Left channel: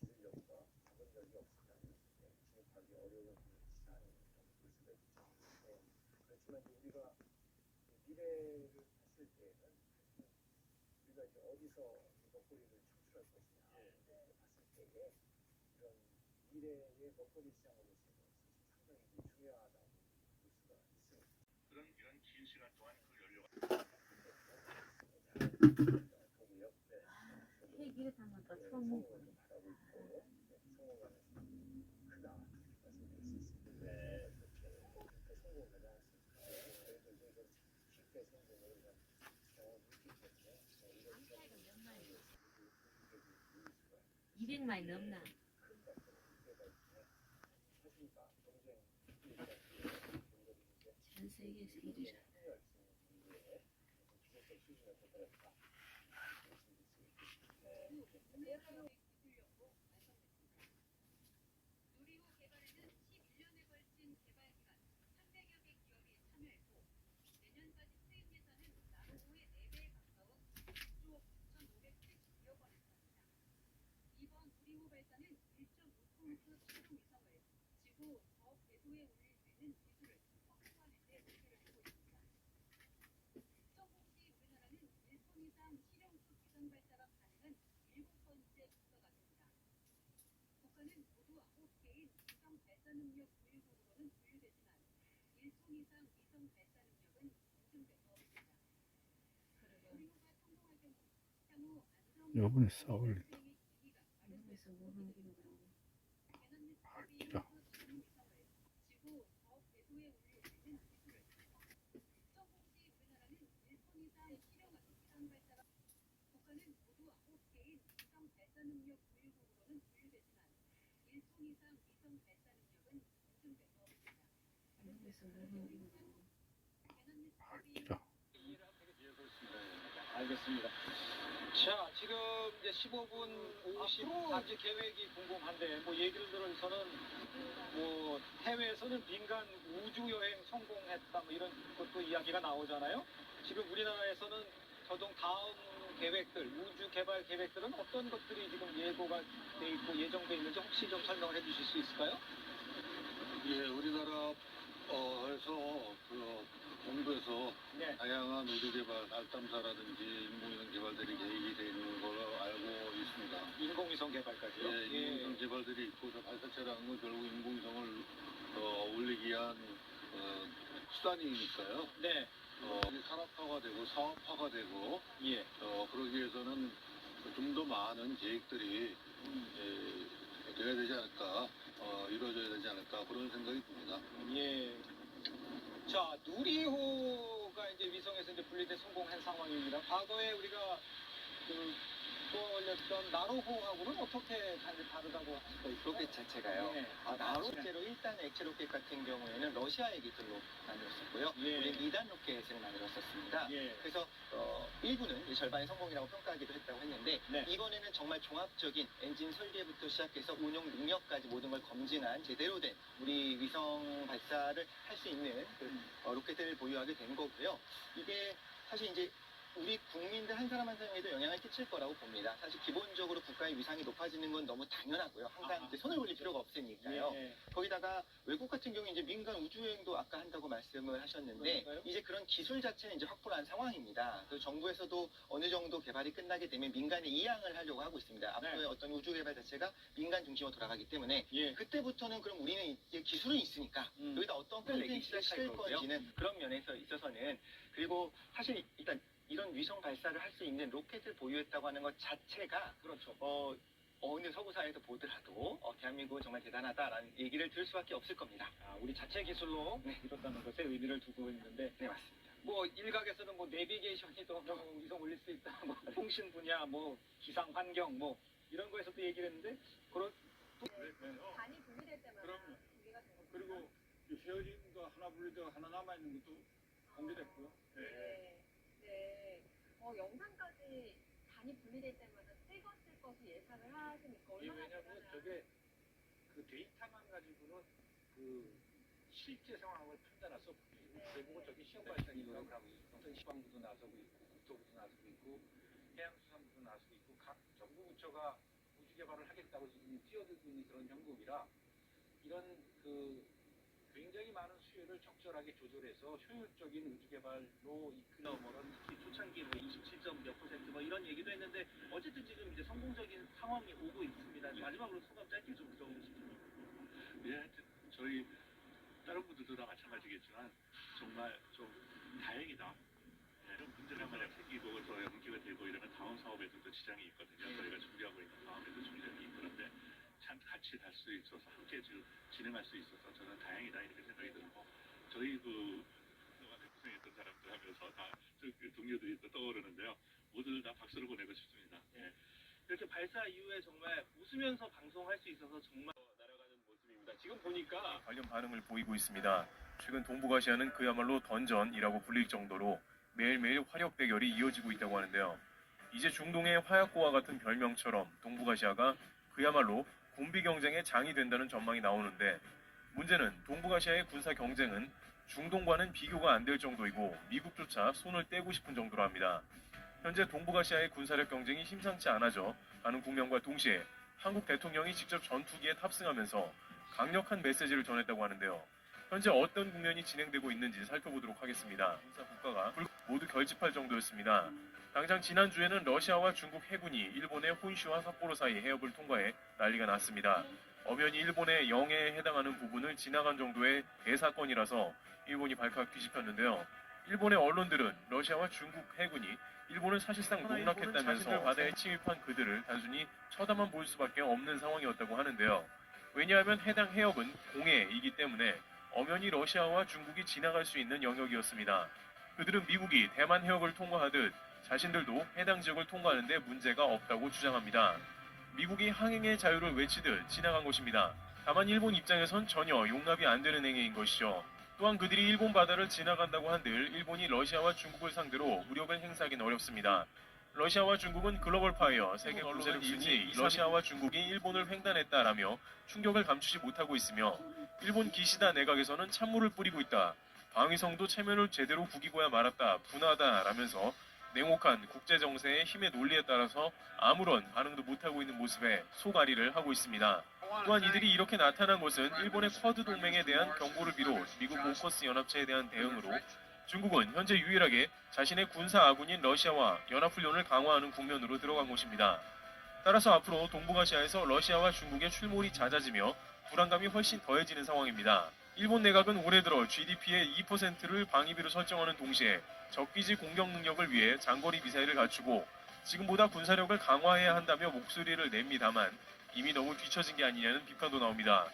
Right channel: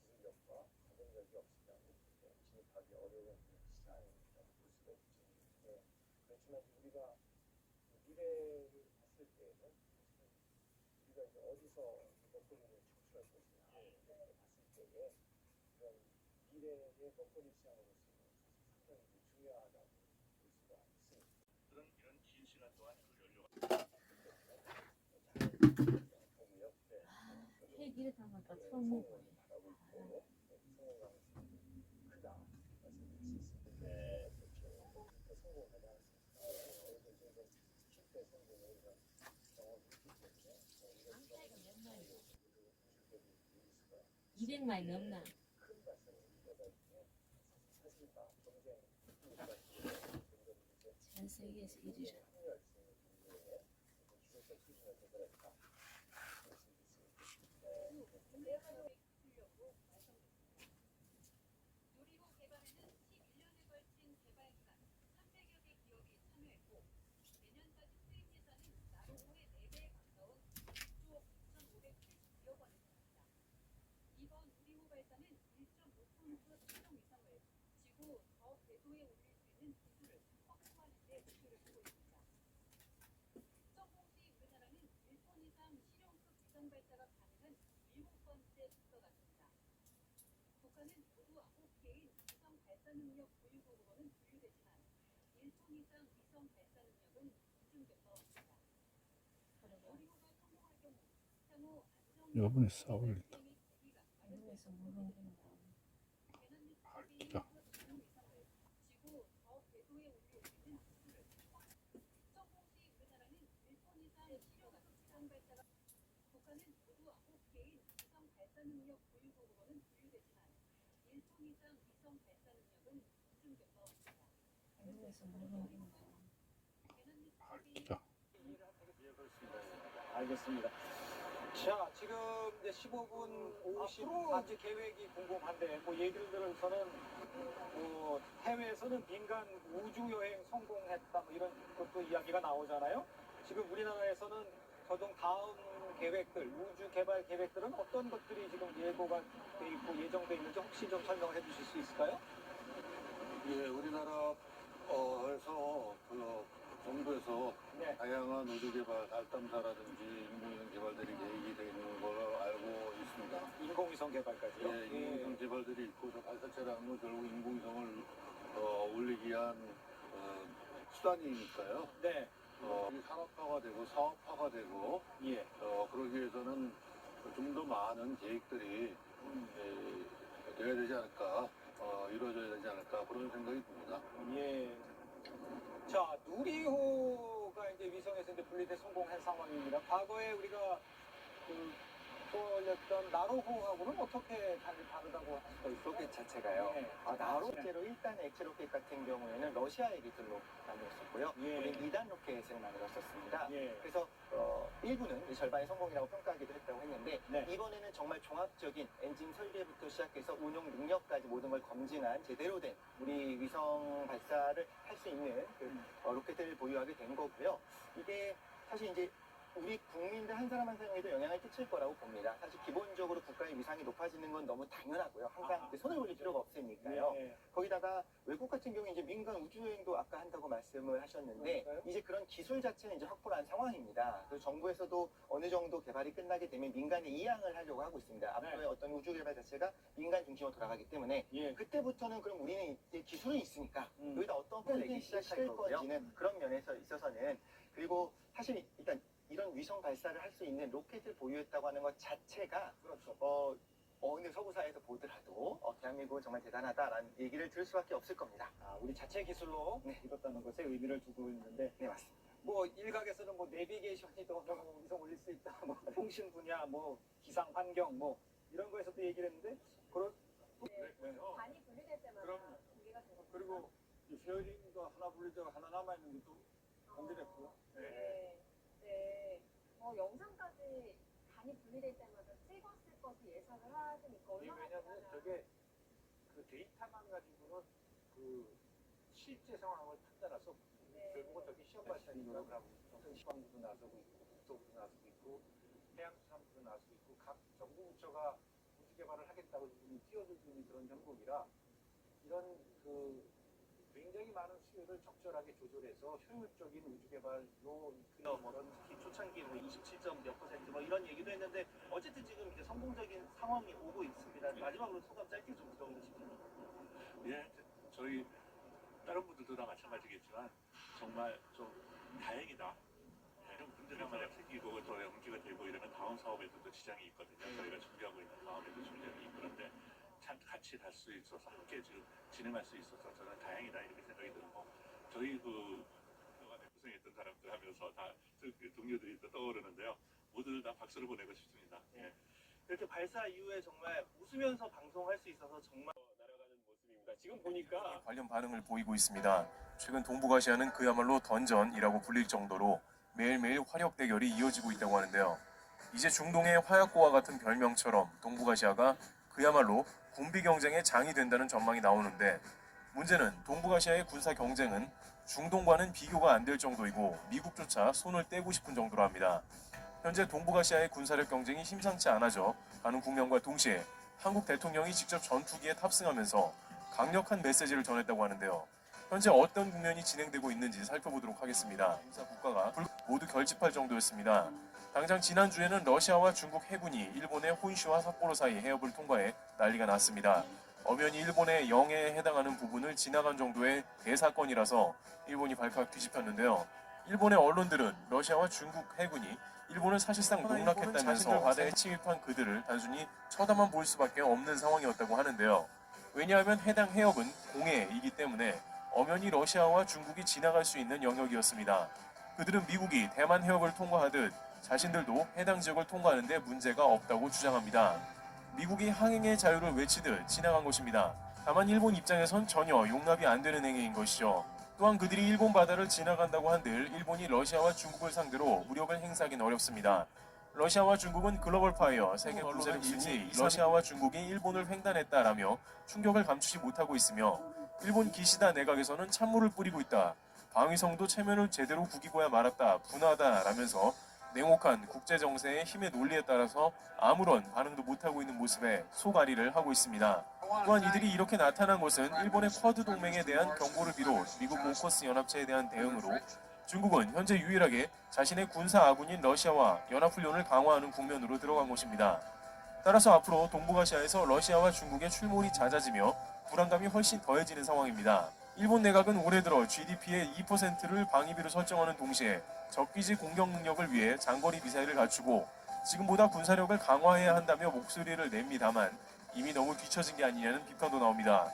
기술력과 자본력이 없으면 진입하기 어려운 시장이라고 볼 수가 있죠. 그렇지만 우리가 미래를 봤을 때에는 우리가 이제 어디서 먹거리를 창출할 것이냐 봤을 때에 이런 미래의 먹거리 시장으로서는 사실 상당히 중요하다고 볼 수가 있습니다. 이런 긴 시간 동안 그 연료가 헬기를 타면 또 처음 먹고 바라고 있고 성공하는 크다 말씀드릴 수 있습니다. 네, 그렇게 성공하지 않았습니까? 실패 성공의 이런 경험이 있기 때문에 이런 차이가 몇 마일? 우주계를 이룰 수가 200마일 넘나? 큰 것을 우리가 이제 사실과 경쟁 전 세계에서 1위라. 합류할 수 있는 정도의 기술적 수준을 도달했다. 누리호 개발에는 11년에 걸친 개발 기간 300여 개 기업이 참여했고 내년까지 투입 예산은 나로호의 4배에 가까운 6조 9,570억 원을 차입니다. 이번 누리호 발사는 1.5톤급 실용 위성을 지구 저 궤도에 올릴 수 있는 기술을 확보하는 데 목표를 두고 있습니다. 성공 시 우리나라는 1톤 이상 실용급 위성 발사가 가능한 7번째 국가가 됩니다. 북한은 모두 9개인 위성 발사 능력 보유국으로는 분류되지만 1톤 이상 위성 발사 능력은 인증된 바 없습니다. 누리호가 성공할 경우 향후 요번에 싸울린다. 한국에서 못 옮긴다. 밝기라. 지구 저 궤도에 올릴 수 있는 기술을 성공 시 우리나라는 1톤 이상 실용급 위성 발사가 북한은 모두 9개인 위성 발사 능력 보유국으로는 분류되지만 1톤 이상 위성 발사 능력은 인증된 바 없습니다. 한국에서 못 옮긴다. 밝기라. 알겠습니다. 자, 지금 이제 15분 54초 계획이 궁금한데, 뭐 예를 들어서는 뭐 해외에서는 민간 우주 여행 성공했다, 뭐 이런 것도 이야기가 나오잖아요. 지금 우리나라에서는 더더욱 다음 계획들, 우주 개발 계획들은 어떤 것들이 지금 예고가 돼 있고 예정돼 있는지 혹시 좀 설명을 해주실 수 있을까요? 예, 우리나라 에서 정부에서 네. 다양한 우주 개발, 알탐사라든지 인공위성 개발들이 계획이 되어 있는 걸로 알고 있습니다. 인공위성 개발까지요? 예, 인공위성 개발들이 있고 저 발사체라는 건 결국 인공위성을 올리기 위한 수단이니까요. 네. 이게 산업화가 되고 사업화가 되고 예. 그러기 위해서는 좀 더 많은 계획들이 돼야 되지 않을까, 이루어져야 되지 않을까 그런 생각이 듭니다. 예. 자, 누리호가 이제 위성에서 이제 분리돼 성공한 상황입니다. 과거에 우리가 떠올렸던 나로호하고는 어떻게 다르다고 할 수가 있어요? 로켓 자체가요. 네. 나로제로 1단 액체 로켓 같은 경우에는 러시아의 기술로 만들었었고요. 예. 우리는 2단 로켓을 만들었었습니다. 예. 그래서 일부는 이제 절반의 성공이라고 평가하기도 했다고 했는데 네. 이번에는 정말 종합적인 엔진 설계부터 시작해서 운용 능력까지 모든 걸 검증한 제대로 된 우리 위성 발사를 할 수 있는 로켓을 보유하게 된 거고요. 이게 사실 이제 우리 국민들 한 사람 한 사람에도 영향을 끼칠 거라고 봅니다. 사실 기본적으로 국가의 위상이 높아지는 건 너무 당연하고요. 항상 이제 손을 올릴 필요가 없으니까요. 예. 거기다가 외국 같은 경우 이제 민간 우주여행도 아까 한다고 말씀을 하셨는데 그러니까요. 이제 그런 기술 자체는 이제 확보를 한 상황입니다. 그래서 정부에서도 어느 정도 개발이 끝나게 되면 민간에 이양을 하려고 하고 있습니다. 앞으로의 네. 어떤 우주 개발 자체가 민간 중심으로 돌아가기 때문에 예. 그때부터는 그럼 우리는 이제 기술은 있으니까 여기다 어떤 그걸 내기 콘텐츠를 시작할 실 거고요. 건지는 그런 면에서 있어서는 그리고 사실 일단 이런 위성 발사를 할 수 있는 로켓을 보유했다고 하는 것 자체가 그렇죠. 어느 서구사에서 보더라도 대한민국은 정말 대단하다라는 얘기를 들을 수밖에 없을 겁니다. 우리 자체 기술로 이뤘다는 것에 의미를 두고 있는데, 네, 맞습니다. 뭐 일각에서는 뭐 내비게이션이 더 위성 올릴 수 있다, 뭐 통신 분야, 뭐 기상 환경, 뭐 이런 거에서도 얘기를 했는데 단이 분리될 때마다 그럼요. 분리가 된 겁니다. 그리고 이 헤어진 거 하나 분리되고 하나 남아 있는 것도 공개됐고요. 네. 영상까지 단이 분리될 때마다 찍었을 것을 예상을 하시니까 얼마나 왜냐면 대단한 저게 그 데이터만 가지고는 그 실제 상황을 판단할 수 없고 결국은 저기 시험 발사니까 어떤 시방부도 나서고 있고 국토부도 나서고 있고 해양수산부도 나서고 있고 각 정부 부처가 우주 개발을 하겠다고 지금 뛰어들고 있는 그런 형국이라 이런 굉장히 많은 수요를 적절하게 조절해서 효율적인 우주 개발로 이끌어 특히 초창기 27점 몇 퍼센트 이런 얘기도 했는데 어쨌든 지금 이제 성공적인 상황이 오고 있습니다. 마지막으로 소감 짧게 좀 들어보고 싶습니다. 예, 저희 다른 분들도 다 마찬가지겠지만 정말 좀 다행이다. 이런 문제가 만약 생기고 또 연기가 되고 이러면 다음 사업에도 또 지장이 있거든요. 저희가 준비하고 있는 다음에도 지장이 있는데 참 같이 갈 수 있어서 함께 지금 진행할 수 있어서 저는 다행이다 이렇게 생각이 들고 저희 그동안에 고생했던 사람들 하면서 다 동료들이 또 떠오르는데요. 모두 다 박수를 보내고 싶습니다. 예. 이렇게 발사 이후에 정말 웃으면서 방송할 수 있어서 정말 날아가는 모습입니다. 지금 보니까 관련 반응을 보이고 있습니다. 최근 동북아시아는 그야말로 던전이라고 불릴 정도로 매일매일 화력 대결이 이어지고 있다고 하는데요. 이제 중동의 화약고와 같은 별명처럼 동북아시아가 그야말로 군비 경쟁의 장이 된다는 전망이 나오는데 문제는 동북아시아의 군사 경쟁은 중동과는 비교가 안 될 정도이고 미국조차 손을 떼고 싶은 정도로 합니다. 현재 동북아시아의 군사력 경쟁이 심상치 않아져 가는 국면과 동시에 한국 대통령이 직접 전투기에 탑승하면서 강력한 메시지를 전했다고 하는데요. 현재 어떤 국면이 진행되고 있는지 살펴보도록 하겠습니다. 인사 국가가 모두 결집할 정도였습니다. 당장 지난주에는 러시아와 중국 해군이 일본의 혼슈와 삿포로 사이 해협을 통과해 난리가 났습니다. 엄연히 일본의 영해에 해당하는 부분을 지나간 정도의 대사건이라서 일본이 발칵 뒤집혔는데요. 일본의 언론들은 러시아와 중국 해군이 일본을 사실상 농락했다면서 바다에 침입한 그들을 단순히 쳐다만 볼 수밖에 없는 상황이었다고 하는데요. 왜냐하면 해당 해협은 공해이기 때문에 엄연히 러시아와 중국이 지나갈 수 있는 영역이었습니다. 그들은 미국이 대만 해협을 통과하듯 자신들도 해당 지역을 통과하는 데 문제가 없다고 주장합니다. 미국이 항행의 자유를 외치듯 지나간 것입니다. 다만 일본 입장에선 전혀 용납이 안 되는 행위인 것이죠. 또한 그들이 일본 바다를 지나간다고 한들 일본이 러시아와 중국을 상대로 무력을 행사하기는 어렵습니다. 러시아와 중국은 글로벌 파이어 세계 군사력 순위 러시아와 중국이 일본을 횡단했다라며 충격을 감추지 못하고 있으며 일본 기시다 내각에서는 찬물을 뿌리고 있다. 방위성도 체면을 제대로 구기고야 말았다. 분하다라면서 냉혹한 국제정세의 힘의 논리에 따라서 아무런 반응도 못하고 있는 모습에 속앓이를 하고 있습니다. 또한 이들이 이렇게 나타난 것은 일본의 쿼드 동맹에 대한 경고를 비롯 미국 오커스 연합체에 대한 대응으로 중국은 현재 유일하게 자신의 군사 아군인 러시아와 연합훈련을 강화하는 국면으로 들어간 것입니다. 따라서 앞으로 동북아시아에서 러시아와 중국의 출몰이 잦아지며 불안감이 훨씬 더해지는 상황입니다. 일본 내각은 올해 들어 GDP의 2%를 방위비로 설정하는 동시에 적기지 공격 능력을 위해 장거리 미사일을 갖추고 지금보다 군사력을 강화해야 한다며 목소리를 냅니다만 이미 너무 뒤처진 게 아니냐는 비판도 나옵니다.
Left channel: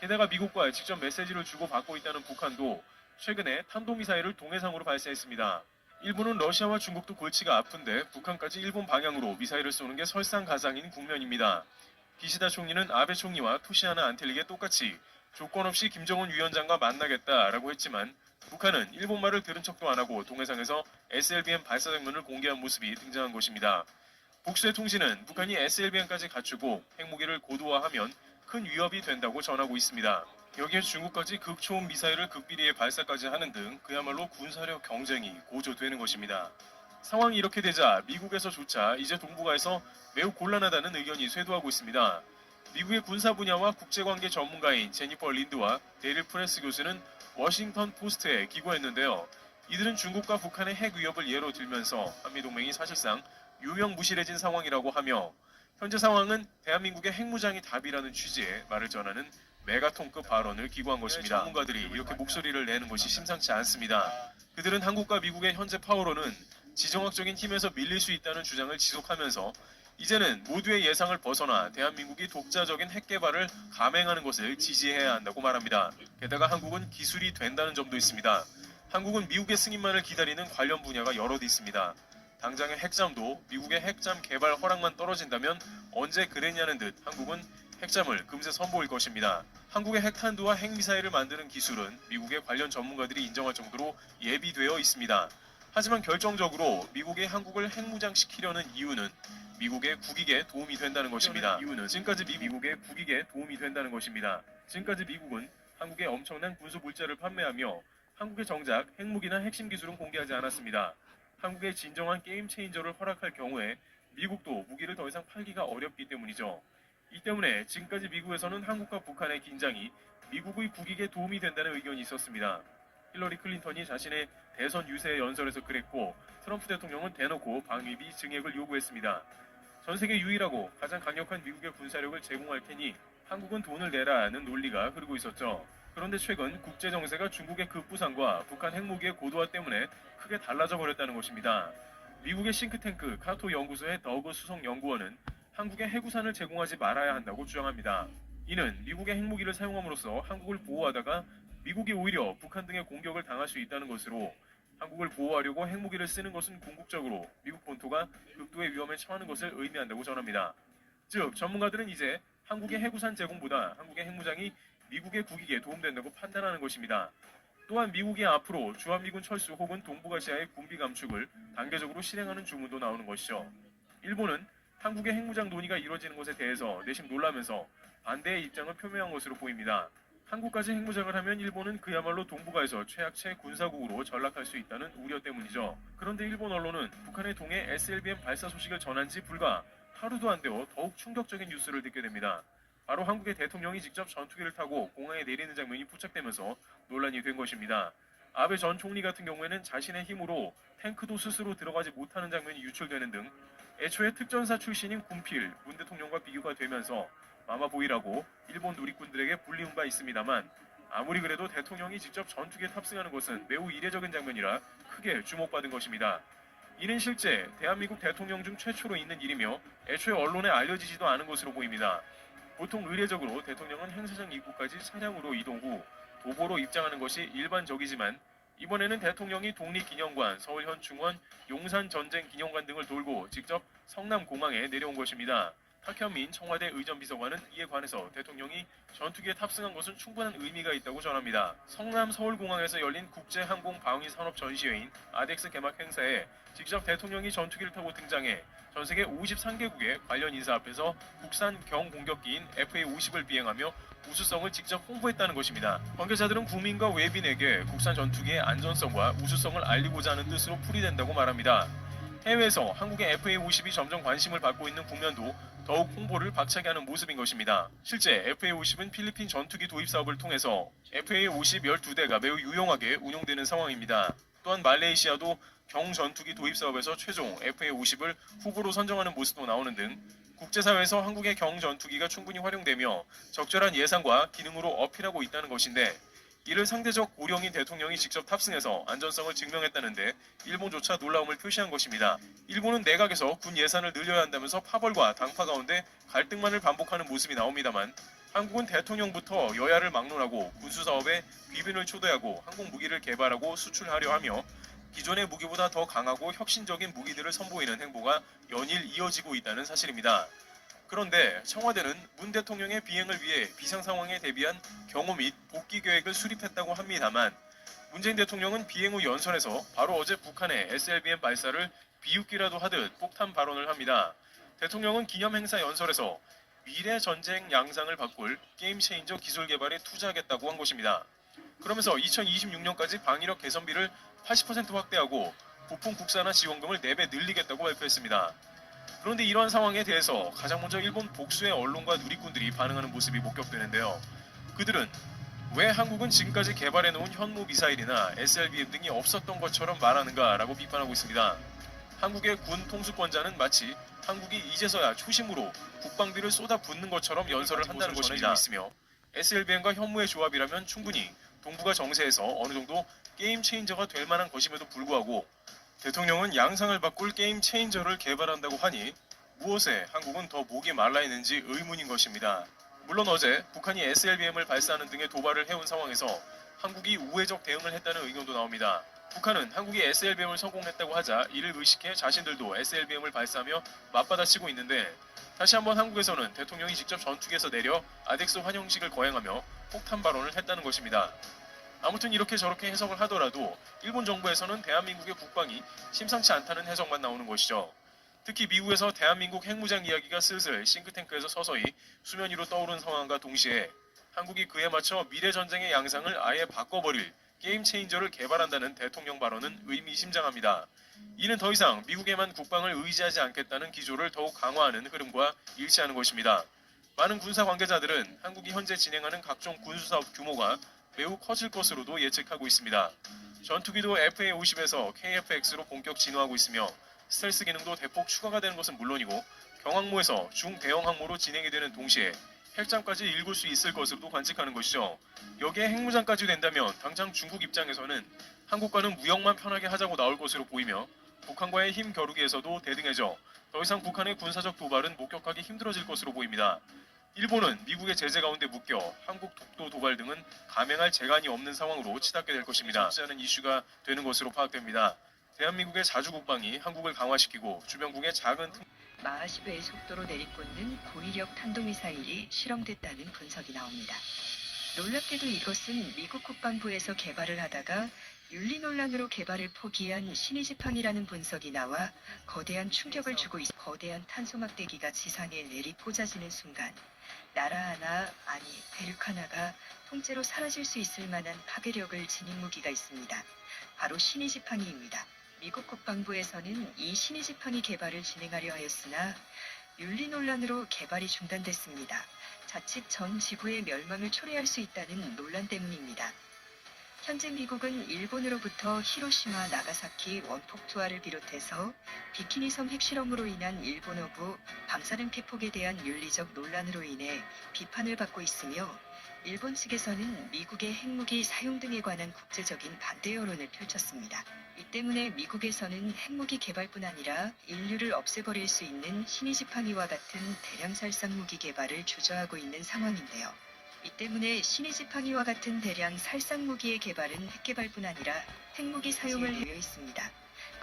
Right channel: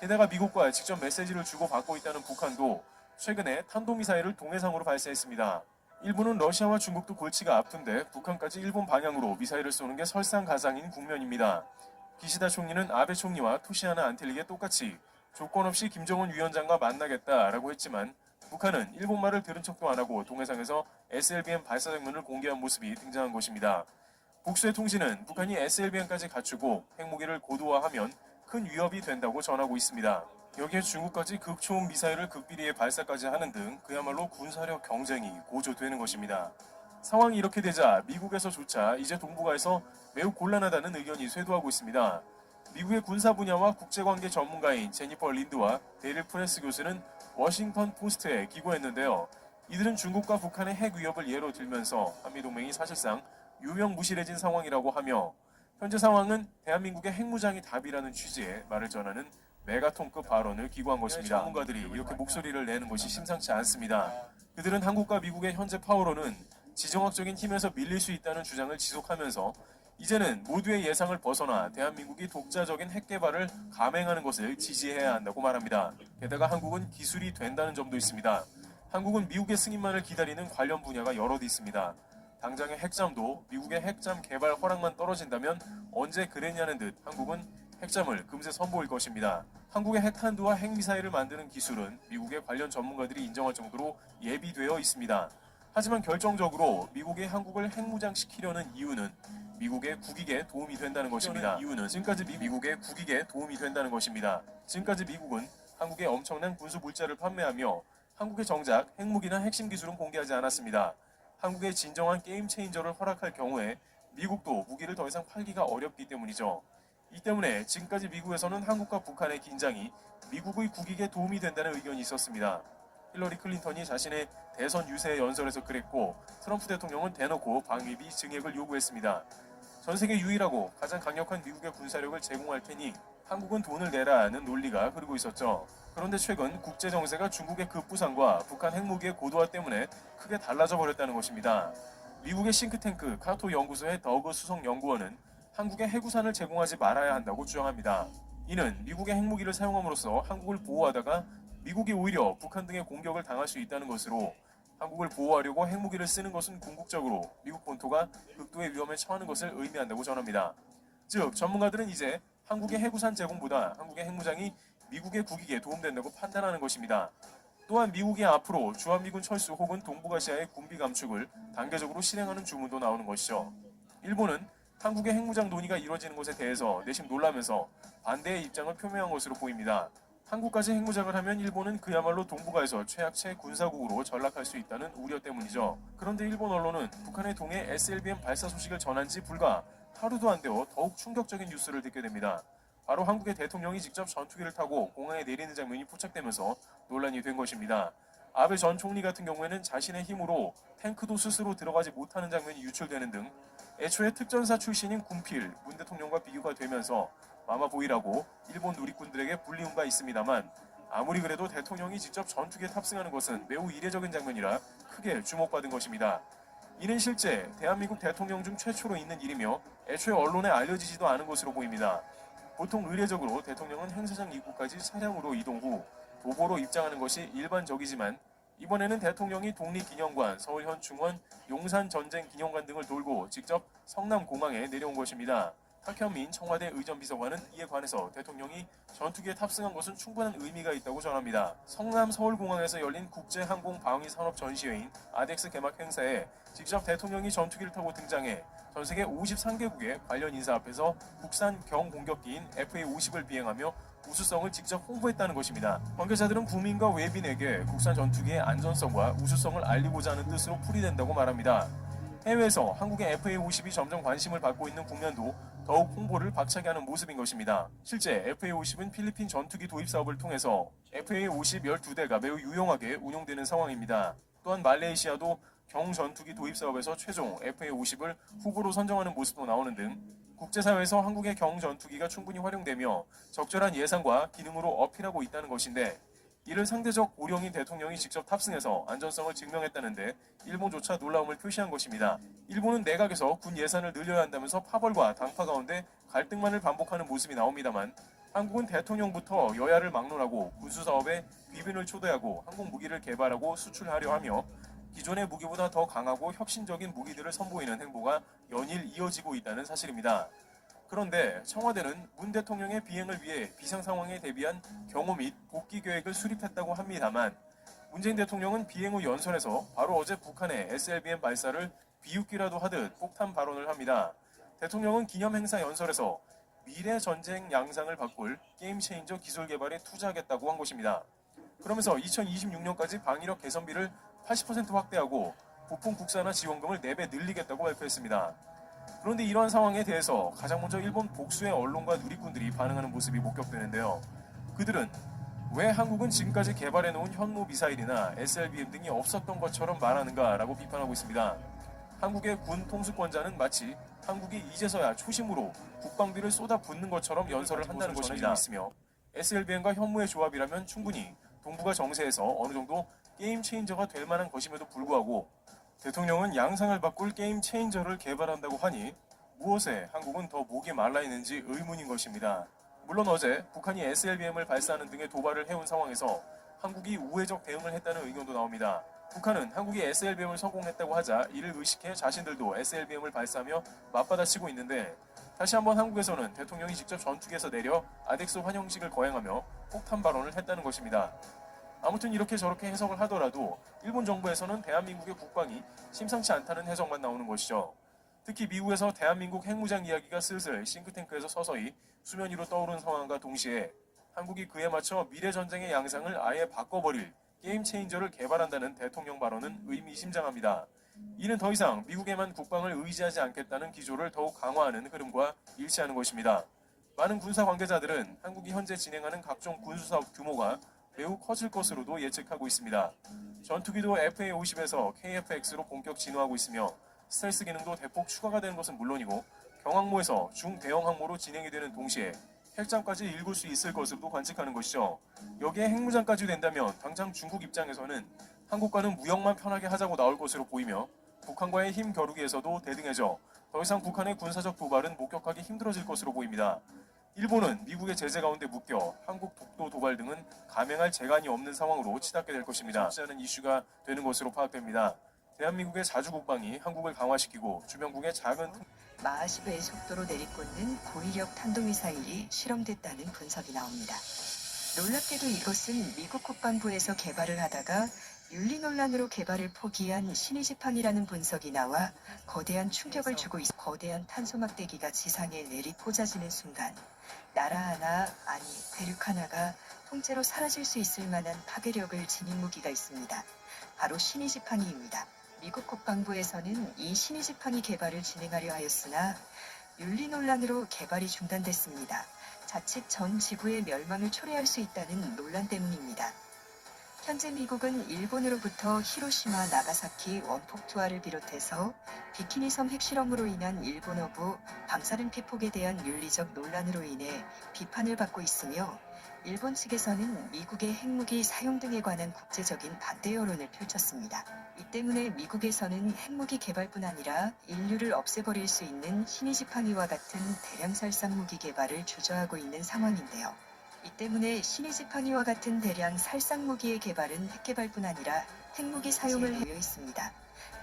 게다가 미국과 직접 메시지를 주고받고 있다는 북한도 최근에 탄도미사일을 동해상으로 발사했습니다. 일본은 러시아와 중국도 골치가 아픈데 북한까지 일본 방향으로 미사일을 쏘는 게 설상가상인 국면입니다. 기시다 총리는 아베 총리와 토시하나 안텔릭에 똑같이 조건 없이 김정은 위원장과 만나겠다라고 했지만 북한은 일본말을 들은 척도 안 하고 동해상에서 SLBM 발사 장면을 공개한 모습이 등장한 것입니다. 복수의 통신은 북한이 SLBM까지 갖추고 핵무기를 고도화하면 큰 위협이 된다고 전하고 있습니다. 여기에 중국까지 극초음 미사일을 극비리에 발사까지 하는 등 그야말로 군사력 경쟁이 고조되는 것입니다. 상황이 이렇게 되자 미국에서조차 이제 동북아에서 매우 곤란하다는 의견이 쇄도하고 있습니다. 미국의 군사 분야와 국제관계 전문가인 제니퍼 린드와 데릴 프레스 교수는 워싱턴 포스트에 기고했는데요. 이들은 중국과 북한의 핵 위협을 예로 들면서 한미동맹이 사실상 유명무실해진 상황이라고 하며 현재 상황은 대한민국의 핵무장이 답이라는 취지의 말을 전하는 메가톤급 발언을 기고한 것입니다. 전문가들이 이렇게 목소리를 내는 것이 심상치 않습니다. 그들은 한국과 미국의 현재 파워로는 지정학적인 힘에서 밀릴 수 있다는 주장을 지속하면서 이제는 모두의 예상을 벗어나 대한민국이 독자적인 핵 개발을 감행하는 것을 지지해야 한다고 말합니다. 게다가 한국은 기술이 된다는 점도 있습니다. 한국은 미국의 승인만을 기다리는 관련 분야가 여럿 있습니다. 당장의 핵잠도 미국의 핵잠 개발 허락만 떨어진다면 언제 그랬냐는 듯 한국은 핵잠을 금세 선보일 것입니다. 한국의 핵탄두와 핵미사일을 만드는 기술은 미국의 관련 전문가들이 인정할 정도로 예비되어 있습니다. 하지만 결정적으로 미국이 한국을 핵무장시키려는 이유는 미국의 국익에 도움이 된다는 것입니다. 지금까지 미국의 국익에 도움이 된다는 것입니다. 지금까지 미국은 한국에 엄청난 군수 물자를 판매하며 한국의 정작 핵무기나 핵심 기술은 공개하지 않았습니다. 한국의 진정한 게임 체인저를 허락할 경우에 미국도 무기를 더 이상 팔기가 어렵기 때문이죠. 이 때문에 지금까지 미국에서는 한국과 북한의 긴장이 미국의 국익에 도움이 된다는 의견이 있었습니다. 힐러리 클린턴이 자신의 대선 유세 연설에서 그랬고 트럼프 대통령은 대놓고 방위비 증액을 요구했습니다. 전 세계 유일하고 가장 강력한 미국의 군사력을 제공할 테니 한국은 돈을 내라는 논리가 흐르고 있었죠. 그런데 최근 국제 정세가 중국의 급부상과 북한 핵무기의 고도화 때문에 크게 달라져 버렸다는 것입니다. 미국의 싱크탱크 카토 연구소의 더그 수석 연구원은 한국에 해구산을 제공하지 말아야 한다고 주장합니다. 이는 미국의 핵무기를 사용함으로써 한국을 보호하다가 미국이 오히려 북한 등의 공격을 당할 수 있다는 것으로 한국을 보호하려고 핵무기를 쓰는 것은 궁극적으로 미국 본토가 극도의 위험에 처하는 것을 의미한다고 전합니다. 즉 전문가들은 이제 한국의 해구산 제공보다 한국의 핵무장이 미국의 국익에 도움된다고 판단하는 것입니다. 또한 미국이 앞으로 주한미군 철수 혹은 동북아시아의 군비 감축을 단계적으로 실행하는 주문도 나오는 것이죠. 일본은 한국의 핵무장 논의가 이루어지는 것에 대해서 내심 놀라면서 반대의 입장을 표명한 것으로 보입니다. 한국까지 핵무장을 하면 일본은 그야말로 동북아에서 최약체 군사국으로 전락할 수 있다는 우려 때문이죠. 그런데 일본 언론은 북한의 동해 SLBM 발사 소식을 전한 지 불과 하루도 안 되어 더욱 충격적인 뉴스를 듣게 됩니다. 바로 한국의 대통령이 직접 전투기를 타고 공항에 내리는 장면이 포착되면서 논란이 된 것입니다. 아베 전 총리 같은 경우에는 자신의 힘으로 탱크도 스스로 들어가지 못하는 장면이 유출되는 등 애초에 특전사 출신인 군필 문 대통령과 비교가 되면서 마마보이라고 일본 누리꾼들에게 불리운 바 있습니다만 아무리 그래도 대통령이 직접 전투기에 탑승하는 것은 매우 이례적인 장면이라 크게 주목받은 것입니다. 이는 실제 대한민국 대통령 중 최초로 있는 일이며 애초에 언론에 알려지지도 않은 것으로 보입니다. 보통 의례적으로 대통령은 행사장 입구까지 차량으로 이동 후 도보로 입장하는 것이 일반적이지만 이번에는 대통령이 독립기념관, 서울현충원, 용산전쟁기념관 등을 돌고 직접 성남공항에 내려온 것입니다. 탁현민 청와대 의전비서관은 이에 관해서 대통령이 전투기에 탑승한 것은 충분한 의미가 있다고 전합니다. 성남 서울공항에서 열린 국제항공방위산업 전시회인 아덱스 개막 행사에 직접 대통령이 전투기를 타고 등장해 전세계 53개국의 관련 인사 앞에서 국산 경공격기인 FA-50을 비행하며 우수성을 직접 홍보했다는 것입니다. 관계자들은 국민과 외빈에게 국산 전투기의 안전성과 우수성을 알리고자 하는 뜻으로 풀이된다고 말합니다. 해외에서 한국의 FA-50이 점점 관심을 받고 있는 국면도 더욱 홍보를 박차게 하는 모습인 것입니다. 실제 FA-50은 필리핀 전투기 도입 사업을 통해서 FA-50 12대가 매우 유용하게 운용되는 상황입니다. 또한 말레이시아도 경전투기 도입 사업에서 최종 FA-50을 후보로 선정하는 모습도 나오는 등 국제사회에서 한국의 경전투기가 충분히 활용되며 적절한 예산과 기능으로 어필하고 있다는 것인데 이를 상대적 고령인 대통령이 직접 탑승해서 안전성을 증명했다는데 일본조차 놀라움을 표시한 것입니다. 일본은 내각에서 군 예산을 늘려야 한다면서 파벌과 당파 가운데 갈등만을 반복하는 모습이 나옵니다만 한국은 대통령부터 여야를 막론하고 군수사업에 귀빈을 초대하고 항공무기를 개발하고 수출하려 하며 기존의 무기보다 더 강하고 혁신적인 무기들을 선보이는 행보가 연일 이어지고 있다는 사실입니다. 그런데 청와대는 문 대통령의 비행을 위해 비상 상황에 대비한 경호 및 복귀 계획을 수립했다고 합니다만 문재인 대통령은 비행 후 연설에서 바로 어제 북한의 SLBM 발사를 비웃기라도 하듯 폭탄 발언을 합니다. 대통령은 기념 행사 연설에서 미래 전쟁 양상을 바꿀 게임 체인저 기술 개발에 투자하겠다고 한 것입니다. 그러면서 2026년까지 방위력 개선비를 80% 확대하고 부품 국산화 지원금을 4배 늘리겠다고 발표했습니다. 그런데 이러한 상황에 대해서 가장 먼저 일본 복수의 언론과 누리꾼들이 반응하는 모습이 목격되는데요. 그들은 왜 한국은 지금까지 개발해놓은 현무 미사일이나 SLBM 등이 없었던 것처럼 말하는가라고 비판하고 있습니다. 한국의 군 통수권자는 마치 한국이 이제서야 초심으로 국방비를 쏟아붓는 것처럼 연설을 한다는 것입니다. 있으며 SLBM과 현무의 조합이라면 충분히 동북아 정세에서 어느 정도 게임 체인저가 될 만한 것임에도 불구하고 대통령은 양상을 바꿀 게임 체인저를 개발한다고 하니 무엇에 한국은 더 목이 말라 있는지 의문인 것입니다. 물론 어제 북한이 SLBM을 발사하는 등의 도발을 해온 상황에서 한국이 우회적 대응을 했다는 의견도 나옵니다. 북한은 한국이 SLBM을 성공했다고 하자 이를 의식해 자신들도 SLBM을 발사하며 맞받아치고 있는데 다시 한번 한국에서는 대통령이 직접 전투기에서 내려 아덱스 환영식을 거행하며 폭탄 발언을 했다는 것입니다. 아무튼 이렇게 저렇게 해석을 하더라도 일본 정부에서는 대한민국의 국방이 심상치 않다는 해석만 나오는 것이죠. 특히 미국에서 대한민국 핵무장 이야기가 슬슬 싱크탱크에서 서서히 수면 위로 떠오른 상황과 동시에 한국이 그에 맞춰 미래 전쟁의 양상을 아예 바꿔버릴 게임 체인저를 개발한다는 대통령 발언은 의미심장합니다. 이는 더 이상 미국에만 국방을 의지하지 않겠다는 기조를 더욱 강화하는 흐름과 일치하는 것입니다. 많은 군사 관계자들은 한국이 현재 진행하는 각종 군수사업 규모가 매우 커질 것으로도 예측하고 있습니다. 전투기도 FA-50에서 KF-X로 본격 진화하고 있으며 스텔스 기능도 대폭 추가가 되는 것은 물론이고 경항모에서 중대형 항모로 진행이 되는 동시에 핵잠까지 일굴 수 있을 것으로도 관측하는 것이죠. 여기에 핵무장까지 된다면 당장 중국 입장에서는 한국과는 무역만 편하게 하자고 나올 것으로 보이며 북한과의 힘 겨루기에서도 대등해져 더 이상 북한의 군사적 도발은 목격하기 힘들어질 것으로 보입니다. 일본은 미국의 제재 가운데 묶여 한국 독도 도발 등은 감행할 재간이 없는 상황으로 치닫게 될 것입니다. 하는 이슈가 되는 것으로 파악됩니다. 대한민국의 자주 국방이 한국을 강화시키고 주변국의 작은 마하시베의 속도로 내리꽂는 고위력 탄도미사일이 실험됐다는 분석이 나옵니다. 놀랍게도 이것은 미국 국방부에서 개발을 하다가 윤리 논란으로 개발을 포기한 신의지팡이라는 분석이 나와 거대한 충격을 주고 있어 거대한 탄소 막대기가 지상에 내리꽂아지는 순간 나라 하나, 아니 대륙 하나가 통째로 사라질 수 있을 만한 파괴력을 지닌 무기가 있습니다. 바로 신의지팡이입니다. 미국 국방부에서는 이 신의지팡이 개발을 진행하려 하였으나 윤리 논란으로 개발이 중단됐습니다. 자칫 전 지구의 멸망을 초래할 수 있다는 논란 때문입니다. 현재 미국은 일본으로부터 히로시마, 나가사키 원폭 투하를 비롯해서 비키니 섬 핵실험으로 인한 일본어부 방사능 피폭에 대한 윤리적 논란으로 인해 비판을 받고 있으며 일본 측에서는 미국의 핵무기 사용 등에 관한 국제적인 반대 여론을 펼쳤습니다. 이 때문에 미국에서는 핵무기 개발뿐 아니라 인류를 없애버릴 수 있는 신의지팡이와 같은 대량 살상 무기 개발을 주저하고 있는 상황인데요. 이 때문에 신의지팡이와 같은 대량 살상 무기의 개발은 핵개발뿐 아니라 핵무기 사용을 해외 있습니다.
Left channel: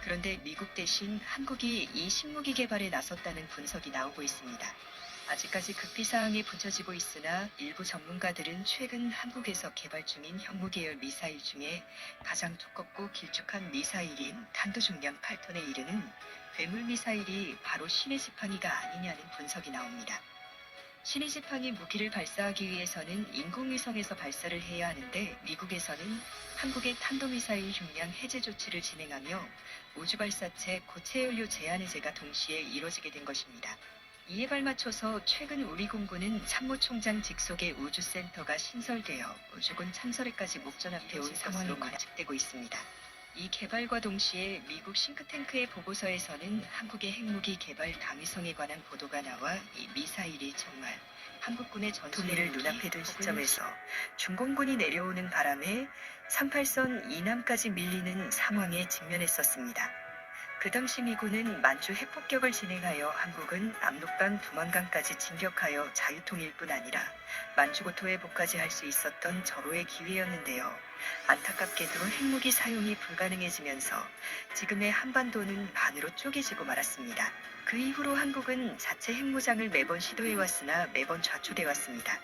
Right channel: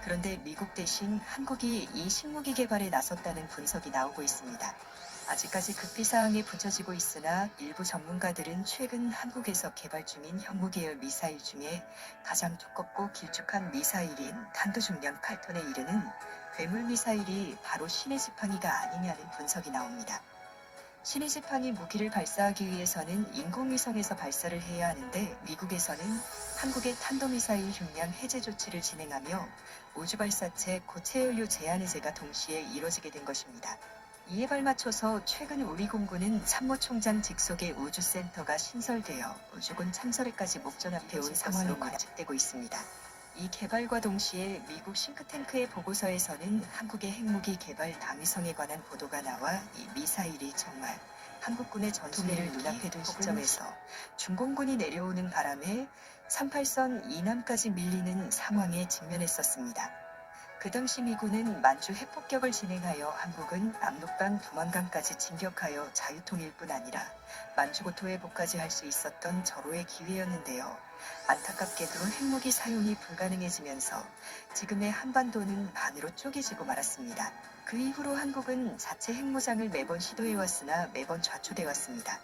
그런데 미국 대신 한국이 이 신무기 개발에 나섰다는 분석이 나오고 있습니다. 아직까지 급비사항에 붙여지고 있으나 일부 전문가들은 최근 한국에서 개발 중인 현무계열 미사일 중에 가장 두껍고 길쭉한 미사일인 탄도중량 8톤에 이르는 괴물 미사일이 바로 신의지팡이가 아니냐는 분석이 나옵니다. 신의지팡이 무기를 발사하기 위해서는 인공위성에서 발사를 해야 하는데 미국에서는 한국의 탄도미사일 흉량 해제 조치를 진행하며 우주발사체 고체연료 제한 해제가 동시에 이뤄지게 된 것입니다. 이에 발맞춰서 최근 우리 공군은 참모총장 직속의 우주센터가 신설되어 우주군 참설에까지 목전앞에 온 상황으로 관측되고 있습니다. 이 개발과 동시에 미국 싱크탱크의 보고서에서는 한국의 핵무기 개발 당위성에 관한 보도가 나와 이 미사일이 정말 한국군의 전투기를 눈앞에 둔 시점에서 중공군이 내려오는 바람에 38선 이남까지 밀리는 상황에 직면했었습니다. 그 당시 미군은 만주 핵폭격을 진행하여 한국은 압록강 두만강까지 진격하여 자유통일 뿐 아니라 만주고토에 복까지 할 수 있었던 절호의 기회였는데요. 안타깝게도 핵무기 사용이 불가능해지면서 지금의 한반도는 반으로 쪼개지고 말았습니다. 그 이후로 한국은 자체 핵무장을 매번 시도해왔으나 매번 좌초돼왔습니다.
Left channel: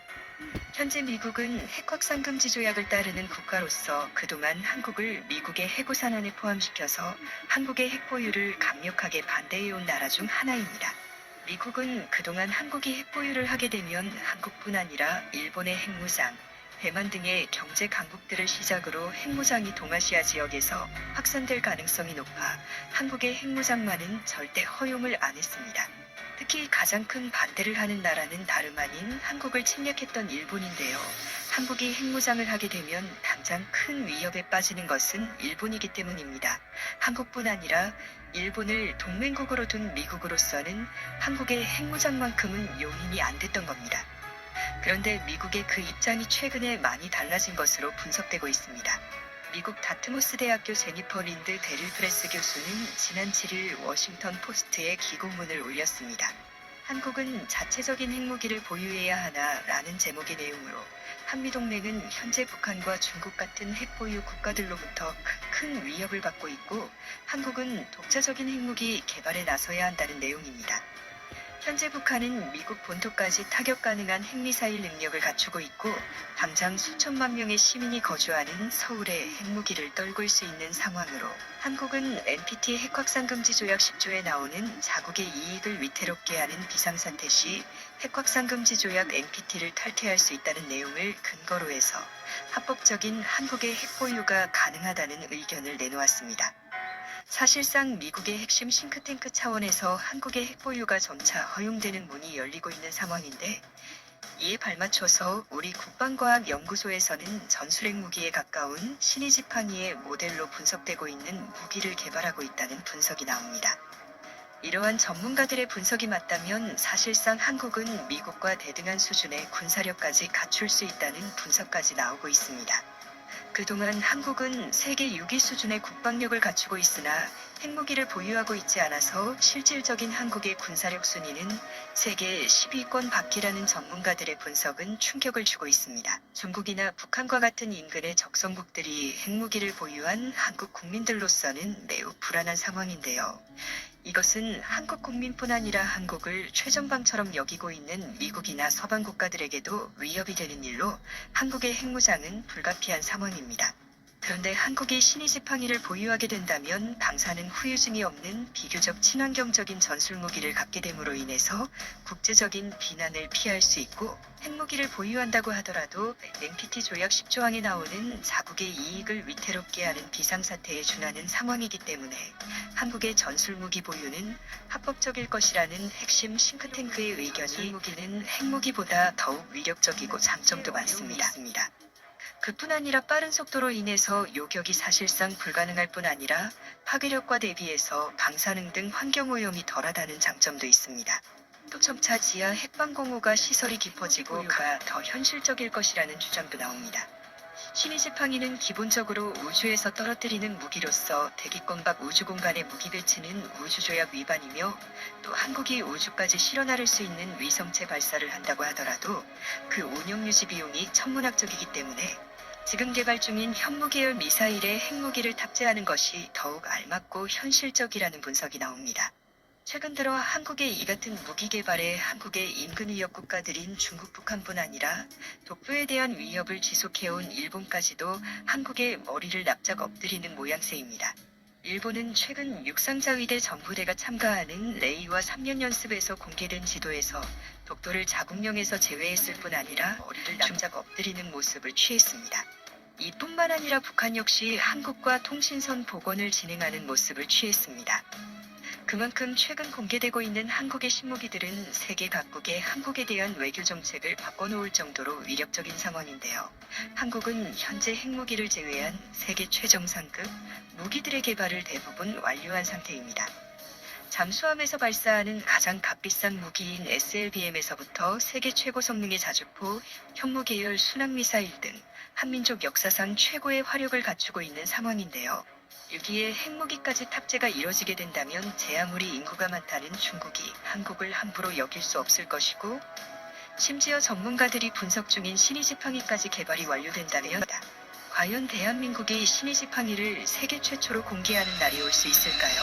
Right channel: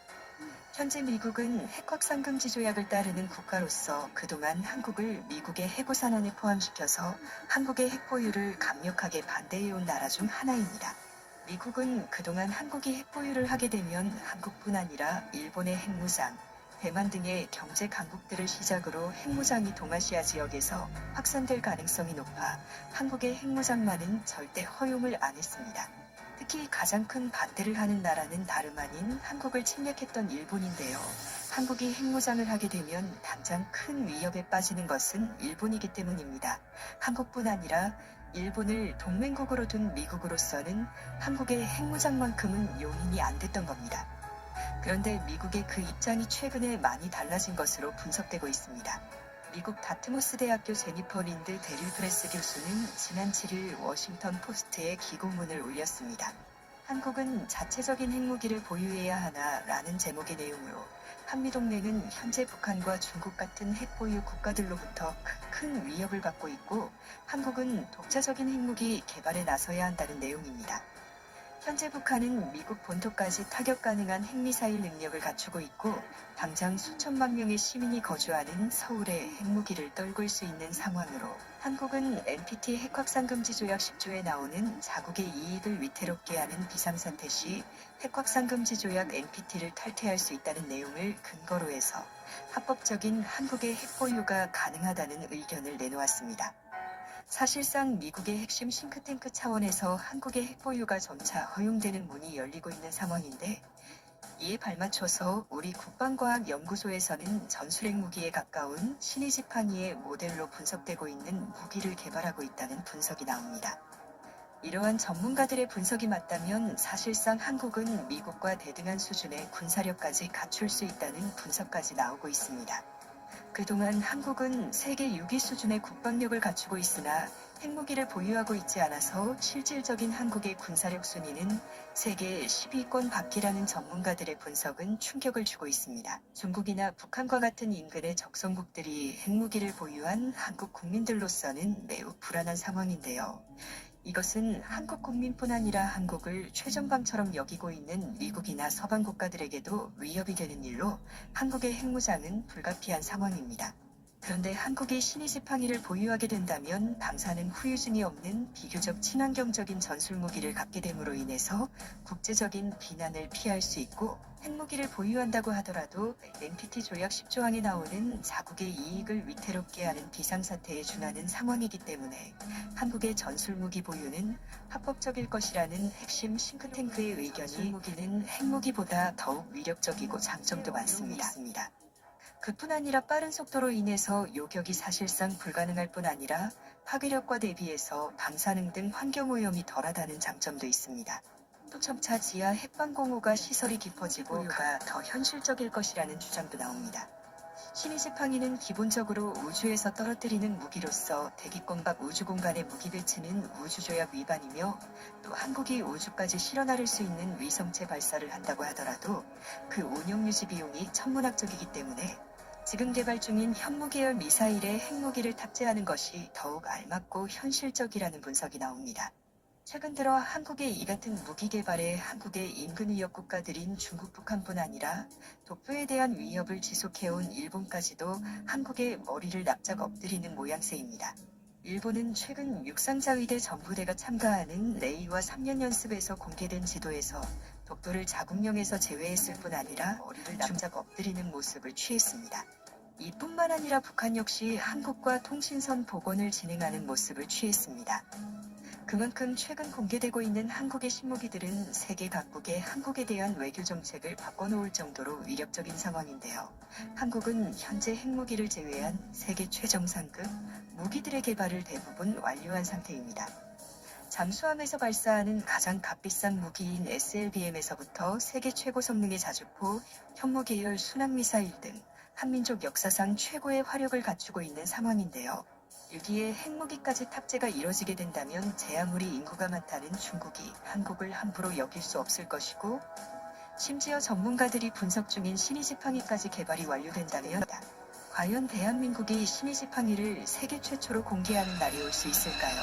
현재 미국은 핵확산금지 조약을 따르는 국가로서 그동안 한국을 미국의 핵우산안에 포함시켜서 한국의 핵 보유를 강력하게 반대해온 나라 중 하나입니다. 미국은 그동안 한국이 핵 보유를 하게 되면 한국뿐 아니라 일본의 핵무장, 대만 등의 경제 강국들을 시작으로 핵무장이 동아시아 지역에서 확산될 가능성이 높아 한국의 핵무장만은 절대 허용을 안 했습니다. 특히 가장 큰 반대를 하는 나라는 다름 아닌 한국을 침략했던 일본인데요. 한국이 핵무장을 하게 되면 당장 큰 위협에 빠지는 것은 일본이기 때문입니다. 한국뿐 아니라 일본을 동맹국으로 둔 미국으로서는 한국의 핵무장만큼은 용인이 안 됐던 겁니다. 그런데 미국의 그 입장이 최근에 많이 달라진 것으로 분석되고 있습니다. 미국 다트모스 대학교 제니퍼 린드 데릴 프레스 교수는 지난 7일 워싱턴 포스트에 기고문을 올렸습니다. 한국은 자체적인 핵무기를 보유해야 하나라는 제목의 내용으로 한미동맹은 현재 북한과 중국 같은 핵보유 국가들로부터 큰 위협을 받고 있고 한국은 독자적인 핵무기 개발에 나서야 한다는 내용입니다. 현재 북한은 미국 본토까지 타격 가능한 핵미사일 능력을 갖추고 있고 당장 수천만 명의 시민이 거주하는 서울에 핵무기를 떨굴 수 있는 상황으로 한국은 NPT 핵확산금지 조약 10조에 나오는 자국의 이익을 위태롭게 하는 비상사태 시 핵확산금지 조약 NPT를 탈퇴할 수 있다는 내용을 근거로 해서 합법적인 한국의 핵보유가 가능하다는 의견을 내놓았습니다. 사실상 미국의 핵심 싱크탱크 차원에서 한국의 핵보유가 점차 허용되는 문이 열리고 있는 상황인데 이에 발맞춰서 우리 국방과학연구소에서는 전술핵 무기에 가까운 신의지팡이의 모델로 분석되고 있는 무기를 개발하고 있다는 분석이 나옵니다. 이러한 전문가들의 분석이 맞다면 사실상 한국은 미국과 대등한 수준의 군사력까지 갖출 수 있다는 분석까지 나오고 있습니다. 그동안 한국은 세계 6위 수준의 국방력을 갖추고 있으나 핵무기를 보유하고 있지 않아서 실질적인 한국의 군사력 순위는 세계 10위권 밖이라는 전문가들의 분석은 충격을 주고 있습니다. 중국이나 북한과 같은 인근의 적성국들이 핵무기를 보유한 한국 국민들로서는 매우 불안한 상황인데요. 이것은 한국 국민뿐 아니라 한국을 최전방처럼 여기고 있는 미국이나 서방 국가들에게도 위협이 되는 일로 한국의 핵무장은 불가피한 상황입니다. 그런데 한국이 신의지팡이를 보유하게 된다면 방사능 후유증이 없는 비교적 친환경적인 전술무기를 갖게 됨으로 인해서 국제적인 비난을 피할 수 있고, 핵무기를 보유한다고 하더라도 NPT 조약 10조항에 나오는 자국의 이익을 위태롭게 하는 비상사태에 준하는 상황이기 때문에 한국의 전술무기 보유는 합법적일 것이라는 핵심 싱크탱크의 의견이, 전술무기는 핵무기보다 더욱 위력적이고 장점도 많습니다. 그뿐 아니라 빠른 속도로 인해서 요격이 사실상 불가능할 뿐 아니라 파괴력과 대비해서 방사능 등 환경오염이 덜하다는 장점도 있습니다. 또 점차 지하 핵방공호가 시설이 깊어지고 더 현실적일 것이라는 주장도 나옵니다. 신의지팡이는 기본적으로 우주에서 떨어뜨리는 무기로서 대기권 밖 우주공간의 무기 배치는 우주조약 위반이며, 또 한국이 우주까지 실어 나를 수 있는 위성체 발사를 한다고 하더라도 그 운영 유지 비용이 천문학적이기 때문에 지금 개발 중인 현무계열 미사일에 핵무기를 탑재하는 것이 더욱 알맞고 현실적이라는 분석이 나옵니다. 최근 들어 한국의 이 같은 무기 개발에 한국의 인근 위협 국가들인 중국, 북한뿐 아니라 독도에 대한 위협을 지속해온 일본까지도 한국의 머리를 납작 엎드리는 모양새입니다. 일본은 최근 육상자위대 전부대가 참가하는 레이와 3년 연습에서 공개된 지도에서 독도를 자국령에서 제외했을 뿐 아니라 머리를 납작 엎드리는 모습을 취했습니다. 이뿐만 아니라 북한 역시 한국과 통신선 복원을 진행하는 모습을 취했습니다. 그만큼 최근 공개되고 있는 한국의 신무기들은 세계 각국의 한국에 대한 외교 정책을 바꿔놓을 정도로 위력적인 상황인데요. 한국은 현재 핵무기를 제외한 세계 최정상급 무기들의 개발을 대부분 완료한 상태입니다. 잠수함에서 발사하는 가장 값비싼 무기인 SLBM에서부터 세계 최고 성능의 자주포, 현무계열 순항미사일 등 한민족 역사상 최고의 화력을 갖추고 있는 상황인데요. 여기에 핵무기까지 탑재가 이뤄지게 된다면 제 아무리 인구가 많다는 중국이 한국을 함부로 여길 수 없을 것이고, 심지어 전문가들이 분석 중인 신의지팡이까지 개발이 완료된다면 과연 대한민국이 신의지팡이를 세계 최초로 공개하는 날이 올 수 있을까요?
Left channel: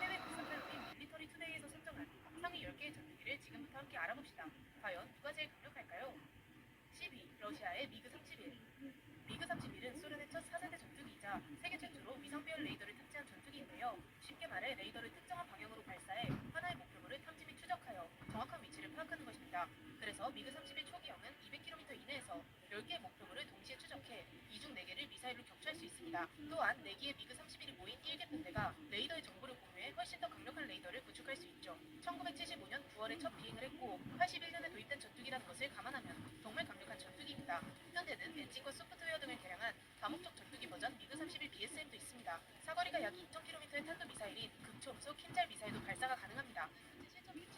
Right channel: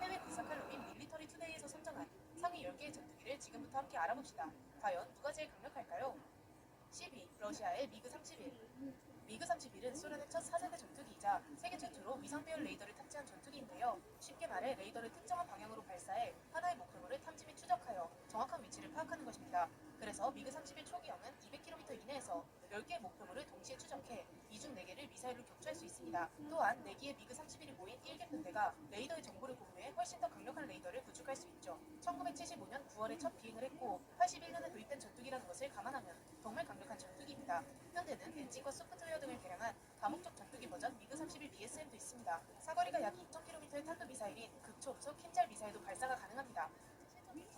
해외 분석한 우리 밀리터리 투데이에서 선정한 상위 10개의 전투기를 지금부터 함께 알아봅시다. 과연 누가 제일 강력할까요? 10위, 러시아의 미그 31. 미그 31은 소련의 첫 4세대 전투기이자 세계 최초로 위상배열 레이더를 탑재한 전투기인데요. 쉽게 말해 레이더를 특정한 방향으로 발사해 하나의 목표물을 탐지 및 추적하여 정확한 위치를 파악하는 것입니다. 그래서 미그 31 초기형은 200km 이내에서 10개의 목표물을 동시에 추적해 이중 4개를 미사일로 격추할 수 있습니다. 또한 4기의 미그 31이 모인 1개 편대가 레이더의 정보를 공유해 훨씬 더 강력한 레이더를 구축할 수 있죠. 1975년 9월에 첫 비행을 했고 81년에 도입된 전투기라는 것을 감안하면 정말 강력한 전투기입니다. 현대는 엔진과 소프트웨어 등을 개량한 다목적 전투기 버전 미그 31 BSM도 있습니다. 사거리가 약 2,000km의 탄도미사일인 극초음속 킨잘 미사일도 발사가 가능합니다.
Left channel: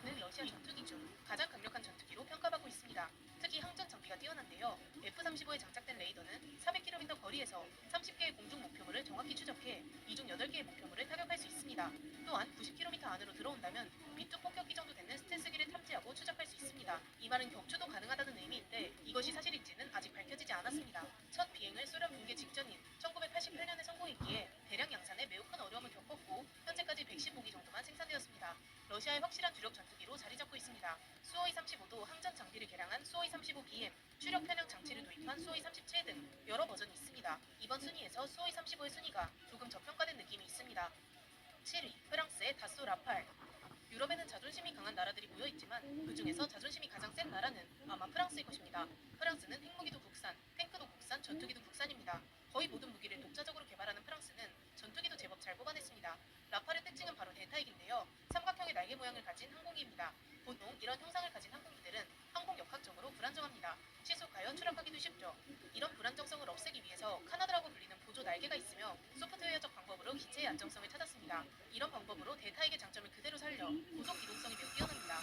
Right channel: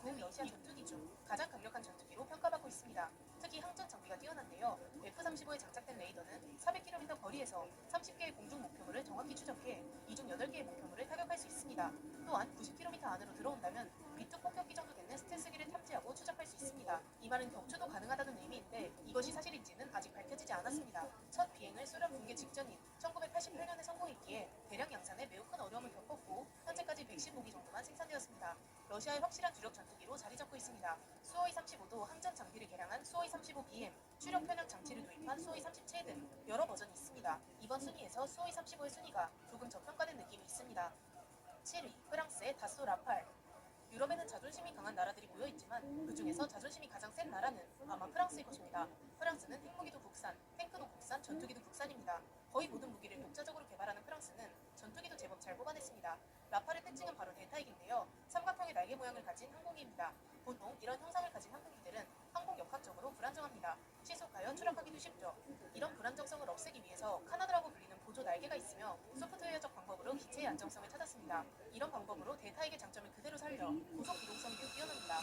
는 러시아 전투기 중 가장 강력한 전투기로 평가받고 있습니다. 특히 항전 장비가 뛰어난데요. F-35에 장착된 레이더는 400km 거리에서 30개의 공중 목표물을 정확히 추적해 이중 8개의 목표물을 타격할 수 있습니다. 또한 90km 안으로 들어온다면 B2 폭격기 정도 되는 스텔스기를 탐지하고 추적할 수 있습니다. 이 말은 격추도 가능하다는 의미인데 이것이 사실인지는 아직 밝혀지지 않았습니다. 첫 비행을 소련 붕괴 직전인 1988년에 성공했기에 대량 양산에 매우 큰 어려움을 겪었고 현재까지 110무기 정도만 생산되었습니다. 러시아의 확실한 주력 전투기로 자리 잡고 있습니다. 수호이 35도 항전 장비를 개량한 수호이 35BM, 추력 편향 장치를 도입한 수호이 37 등 여러 버전이 있습니다. 이번 순위에서 수호이 35의 순위가 조금 저평가된 느낌이 있습니다. 7위, 프랑스의 다소 라팔. 유럽에는 자존심이 강한 나라들이 모여 있지만 그 중에서 자존심이 가장 센 나라는 아마 프랑스일 것입니다. 프랑스는 핵무기도 국산, 탱크도 국산, 전투기도 국산입니다. 거의 모든 무기를 독자적으로 개발하는 프랑스는 전투기도 제법 잘 뽑아냈습니다. 라팔의 특징은 바로 대타익인데요. 삼각형의 날개 모양을 가진 항공기입니다. 보통 이런 형상을 가진 항공기들은 항공 역학적으로 불안정합니다. 시속하여 추락하기도 쉽죠. 이런 불안정성을 없애기 위해서 카나드라고 불리는 보조 날개가 있으며 소프트웨어적 방법으로 기체의 안정성을 찾았습니다. 이런 방법으로 대타익의 장점을 그대로 살려 고속 기동성이 매우 뛰어납니다.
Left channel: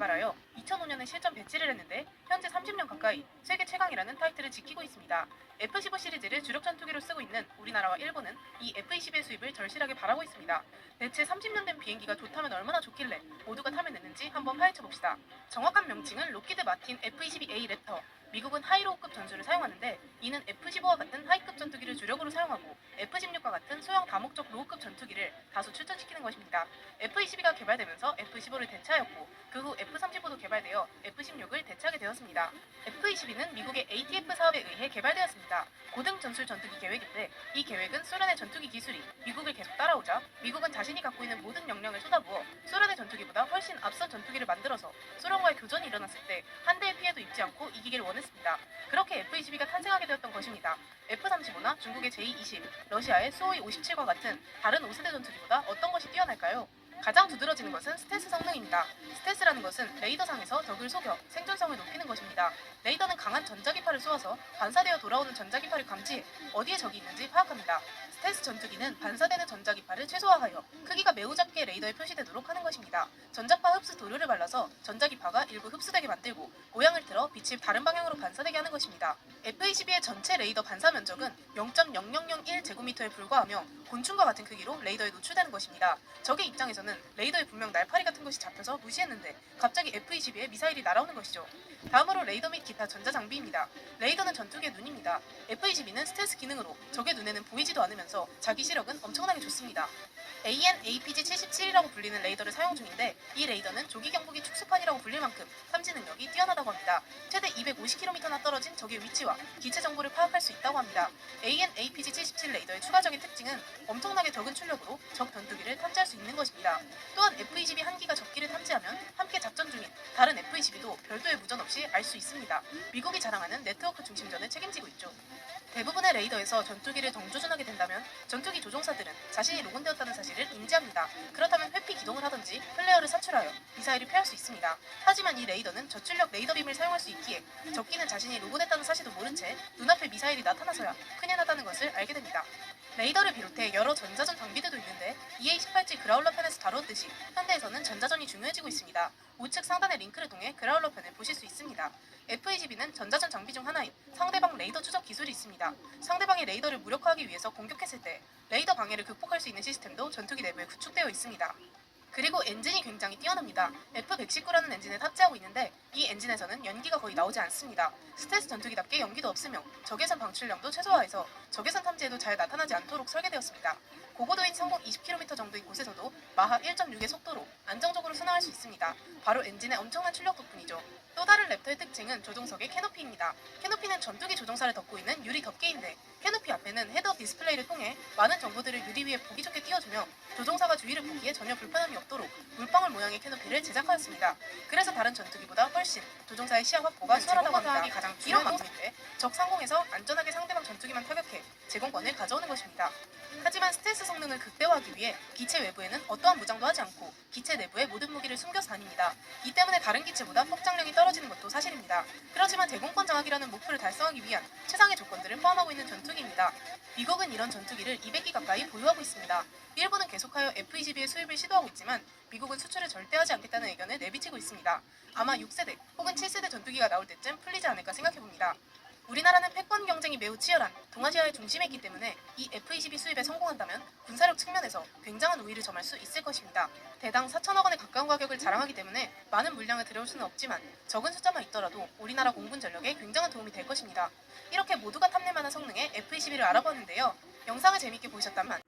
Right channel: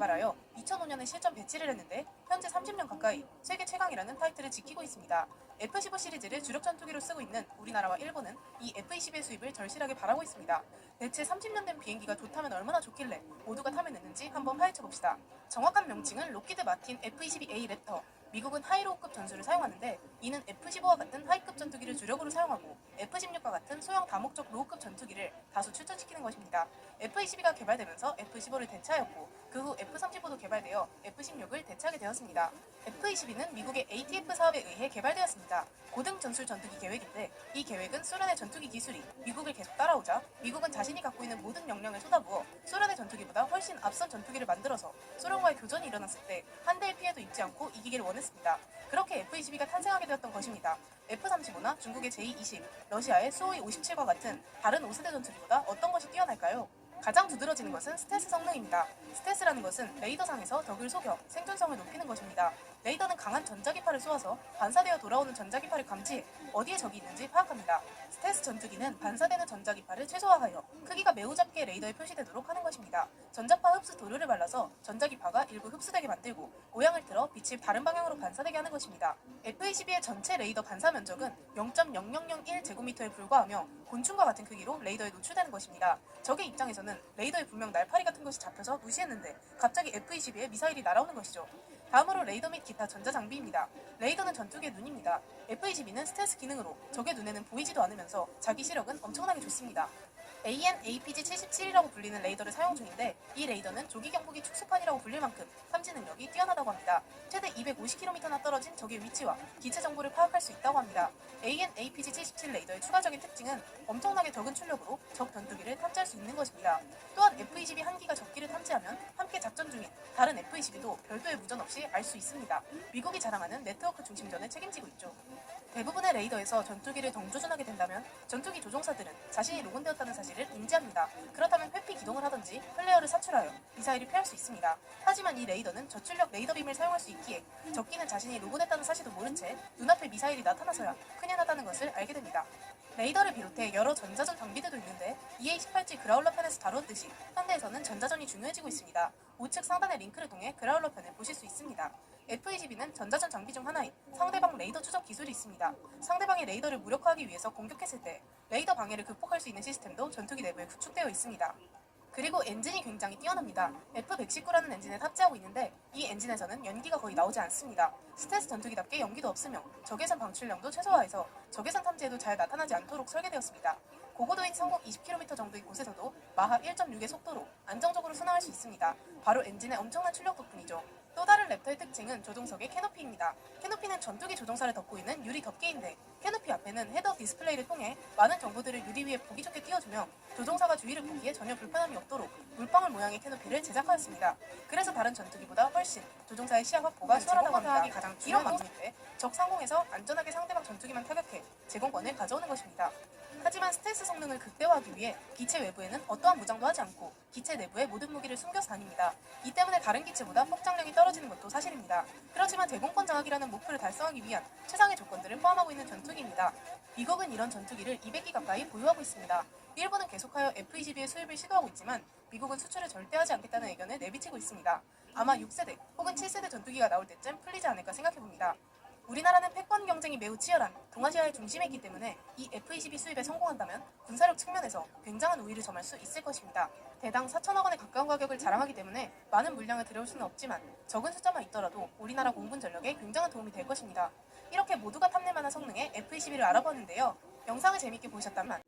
개발하여 2005년에 실전 배치를 했는데 현재 30년 가까이 세계 최강이라는 타이틀을 지키고 있습니다. F-15 시리즈를 주력 전투기로 쓰고 있는 우리나라와 일본은 이 F-22의 수입을 절실하게 바라고 있습니다. 대체 30년 된 비행기가 좋다면 얼마나 좋길래 모두가 탐을 냈는지 한번 파헤쳐봅시다. 정확한 명칭은 록히드 마틴 F-22A 랩터. 미국은 하이로우급 전술을 사용하는데 이는 F-15와 같은 하이급 전투기를 주력으로 사용하고 F-16과 같은 소형 다목적 로우급 전투기를 다수 출전시키는 것입니다. F-22가 개발되면서 F-15를 대체하였고 그 후 F-35도 개발되어 F-16을 대체하게 되었습니다. F-22는 미국의 ATF 사업에 의해 개발되었습니다. 고등 전술 전투기 계획인데 이 계획은 소련의 전투기 기술이 미국을 계속 따라오자 미국은 자신이 갖고 있는 모든 역량을 쏟아부어 소련의 전투기보다 훨씬 앞선 전투기를 만들어서 소련과의 교전이 일어났을 때 한 대의 피해도 입지 않고 이기기를 원했습니다. 그렇게 F-22가 탄생하게 되었던 것입니다. F-35나 중국의 J-20, 러시아의 수호이 57과 같은 다른 5세대 전투기보다 어떤 것이 뛰어날까요? 가장 두드러지는 것은 스텔스 성능입니다. 스텔스라는 것은 레이더상에서 적을 속여 생존성을 높이는 것입니다. 레이더는 강한 전자기파를 쏘아서 반사되어 돌아오는 전자기파를 감지해 어디에 적이 있는지 파악합니다. 스텔스 전투기는 반사되는 전자기파를 최소화하여 크기가 매우 작게 레이더에 표시되도록 하는 것입니다. 전자파 흡수 도료를 발라서 전자기파가 일부 흡수되게 만들고 모양을 틀어 빛이 다른 방향으로 반사되게 하는 것입니다. F-22의 전체 레이더 반사 면적은 0.0001제곱미터에 불과하며 곤충과 같은 크기로 레이더에 노출되는 것입니다. 적의 입장에서는 레이더에 분명 날파리 같은 것이 잡혀서 무시했는데 갑자기 F-22에 미사일이 날아오는 것이죠. 다음으로 레이더 및 기타 전자장비입니다. 레이더는 전투기의 눈입니다. F-22는 스텔스 기능으로 적의 눈에는 보이지도 않으면서 자기 시력은 엄청나게 좋습니다. AN/APG-77이라고 불리는 레이더를 사용 중인데 이 레이더는 조기 경보기 축소판이라고 불릴 만큼 탐지 능력이 뛰어나다고 합니다. 최대 250km나 떨어진 적의 위치와 기체 정보를 파악할 수 있다고 합니다. AN/APG-77 레이더의 추가적인 특징은 엄청나게 적은 출력으로 적 전투기를 탐지할 수 있는 것입니다. 또한 F-22 한 기가 적기를 탐지하면 함께 작전 중인 다른 F-22도 별도의 무전 없이 알 수 있습니다. 미국이 자랑하는 네트워크 중심전을 책임지고 있죠. 대부분의 레이더에서 전투기를 정조준하게 된다면 전투기 조종사들은 자신이 로건되었다는 사실을 인지합니다. 그렇다면 회피 기동을 하든지 플레어를 사출하여 미사일을 피할 수 있습니다. 하지만 이 레이더는 저출력 레이더빔을 사용할 수 있기에 적기는 자신이 로고됐다는 사실도 모른 채 눈앞에 미사일이 나타나서야 큰일 났다는 것을 알게 됩니다. 레이더를 비롯해 여러 전자전 장비들도 있는데 EA-18G 그라울러 편에서 다루었듯이 현대에서는 전자전이 중요해지고 있습니다. 우측 상단의 링크를 통해 그라울러 편을 보실 수 있습니다. F-22는 전자전 장비 중 하나인 상대방 레이더 추적 기술이 있습니다. 상대방의 레이더를 무력화하기 위해서 공격했을 때 레이더 방해를 극복할 수 있는 시스템도 전투기 내부에 구축되어 있습니다. 그리고 엔진이 굉장히 뛰어납니다. F-119라는 엔진을 탑재하고 있는데 이 엔진에서는 연기가 거의 나오지 않습니다. 스텔스 전투기답게 연기도 없으며 적외선 방출량도 최소화해서 적외선 탐지에도 잘 나타나지 않도록 설계되었습니다. 고고도인 상공 20km 정도의 곳에서도 마하 1.6의 속도로 안정적으로 순항할 수 있습니다. 바로 엔진의 엄청난 출력 덕분이죠. 또 다른 랩터의 특징은 조종석의 캐노피입니다. 캐노피는 전투기 조종사를 덮고 있는 유리 덮개인데 캐노피 앞에는 헤드업 디스플레이를 통해 많은 정보들을 유리 위에 보기 좋게 띄워주며 조종사가 주위를 보기에 전혀 불편함이 없도록 물방울 모양의 캐노피를 제작하였습니다. 그래서 다른 전투기보다 훨씬 조종사의 시야 확보가 수월하다고 합니다. 가장 이런 방식인데 적 상공에서 안전하게 상대방 전투기만 타격해 제공권을 가져오는 것입니다. 하지만 스텔스 성능을 극대화하기 위해 기체 외부에는 어떠한 무장도 하지 않고 기체 내부에 모든 무기를 숨겨서 다닙니다. 이 때문에 다른 기체보다 폭장력이 떨어지는 것도 사실입니다. 그렇지만 제공권 장악이라는 목표를 달성하기 위한 최상의 조건들을 포함하고 있는 전투기입니다. 미국은 이런 전투기를 200기 가까이 보유하고 있습니다. 일본은 계속하여 F-22의 수입을 시도하고 있지만 미국은 수출을 절대 하지 않겠다는 의견을 내비치고 있습니다. 아마 6세대 혹은 7세대 전투기가 나올 때쯤 풀리지 않을까 생각해봅니다. 우리나라는 패권 경쟁이 매우 치열한 동아시아의 중심에 있기 때문에 이 F-22 수입에 성공한다면 군사력 측면에서 굉장한 우위를 점할 수 있을 것입니다. 대당 4천억 원에 가까운 가격을 자랑하기 때문에 많은 물량을 들여올 수는 없지만 적은 숫자만 있더라도 우리나라 공군 전력에 굉장한 도움이 될 것입니다. 이렇게 모두가 탐낼 만한 성능의 F-22를 알아보았는데요. 영상을 재밌게 보셨다면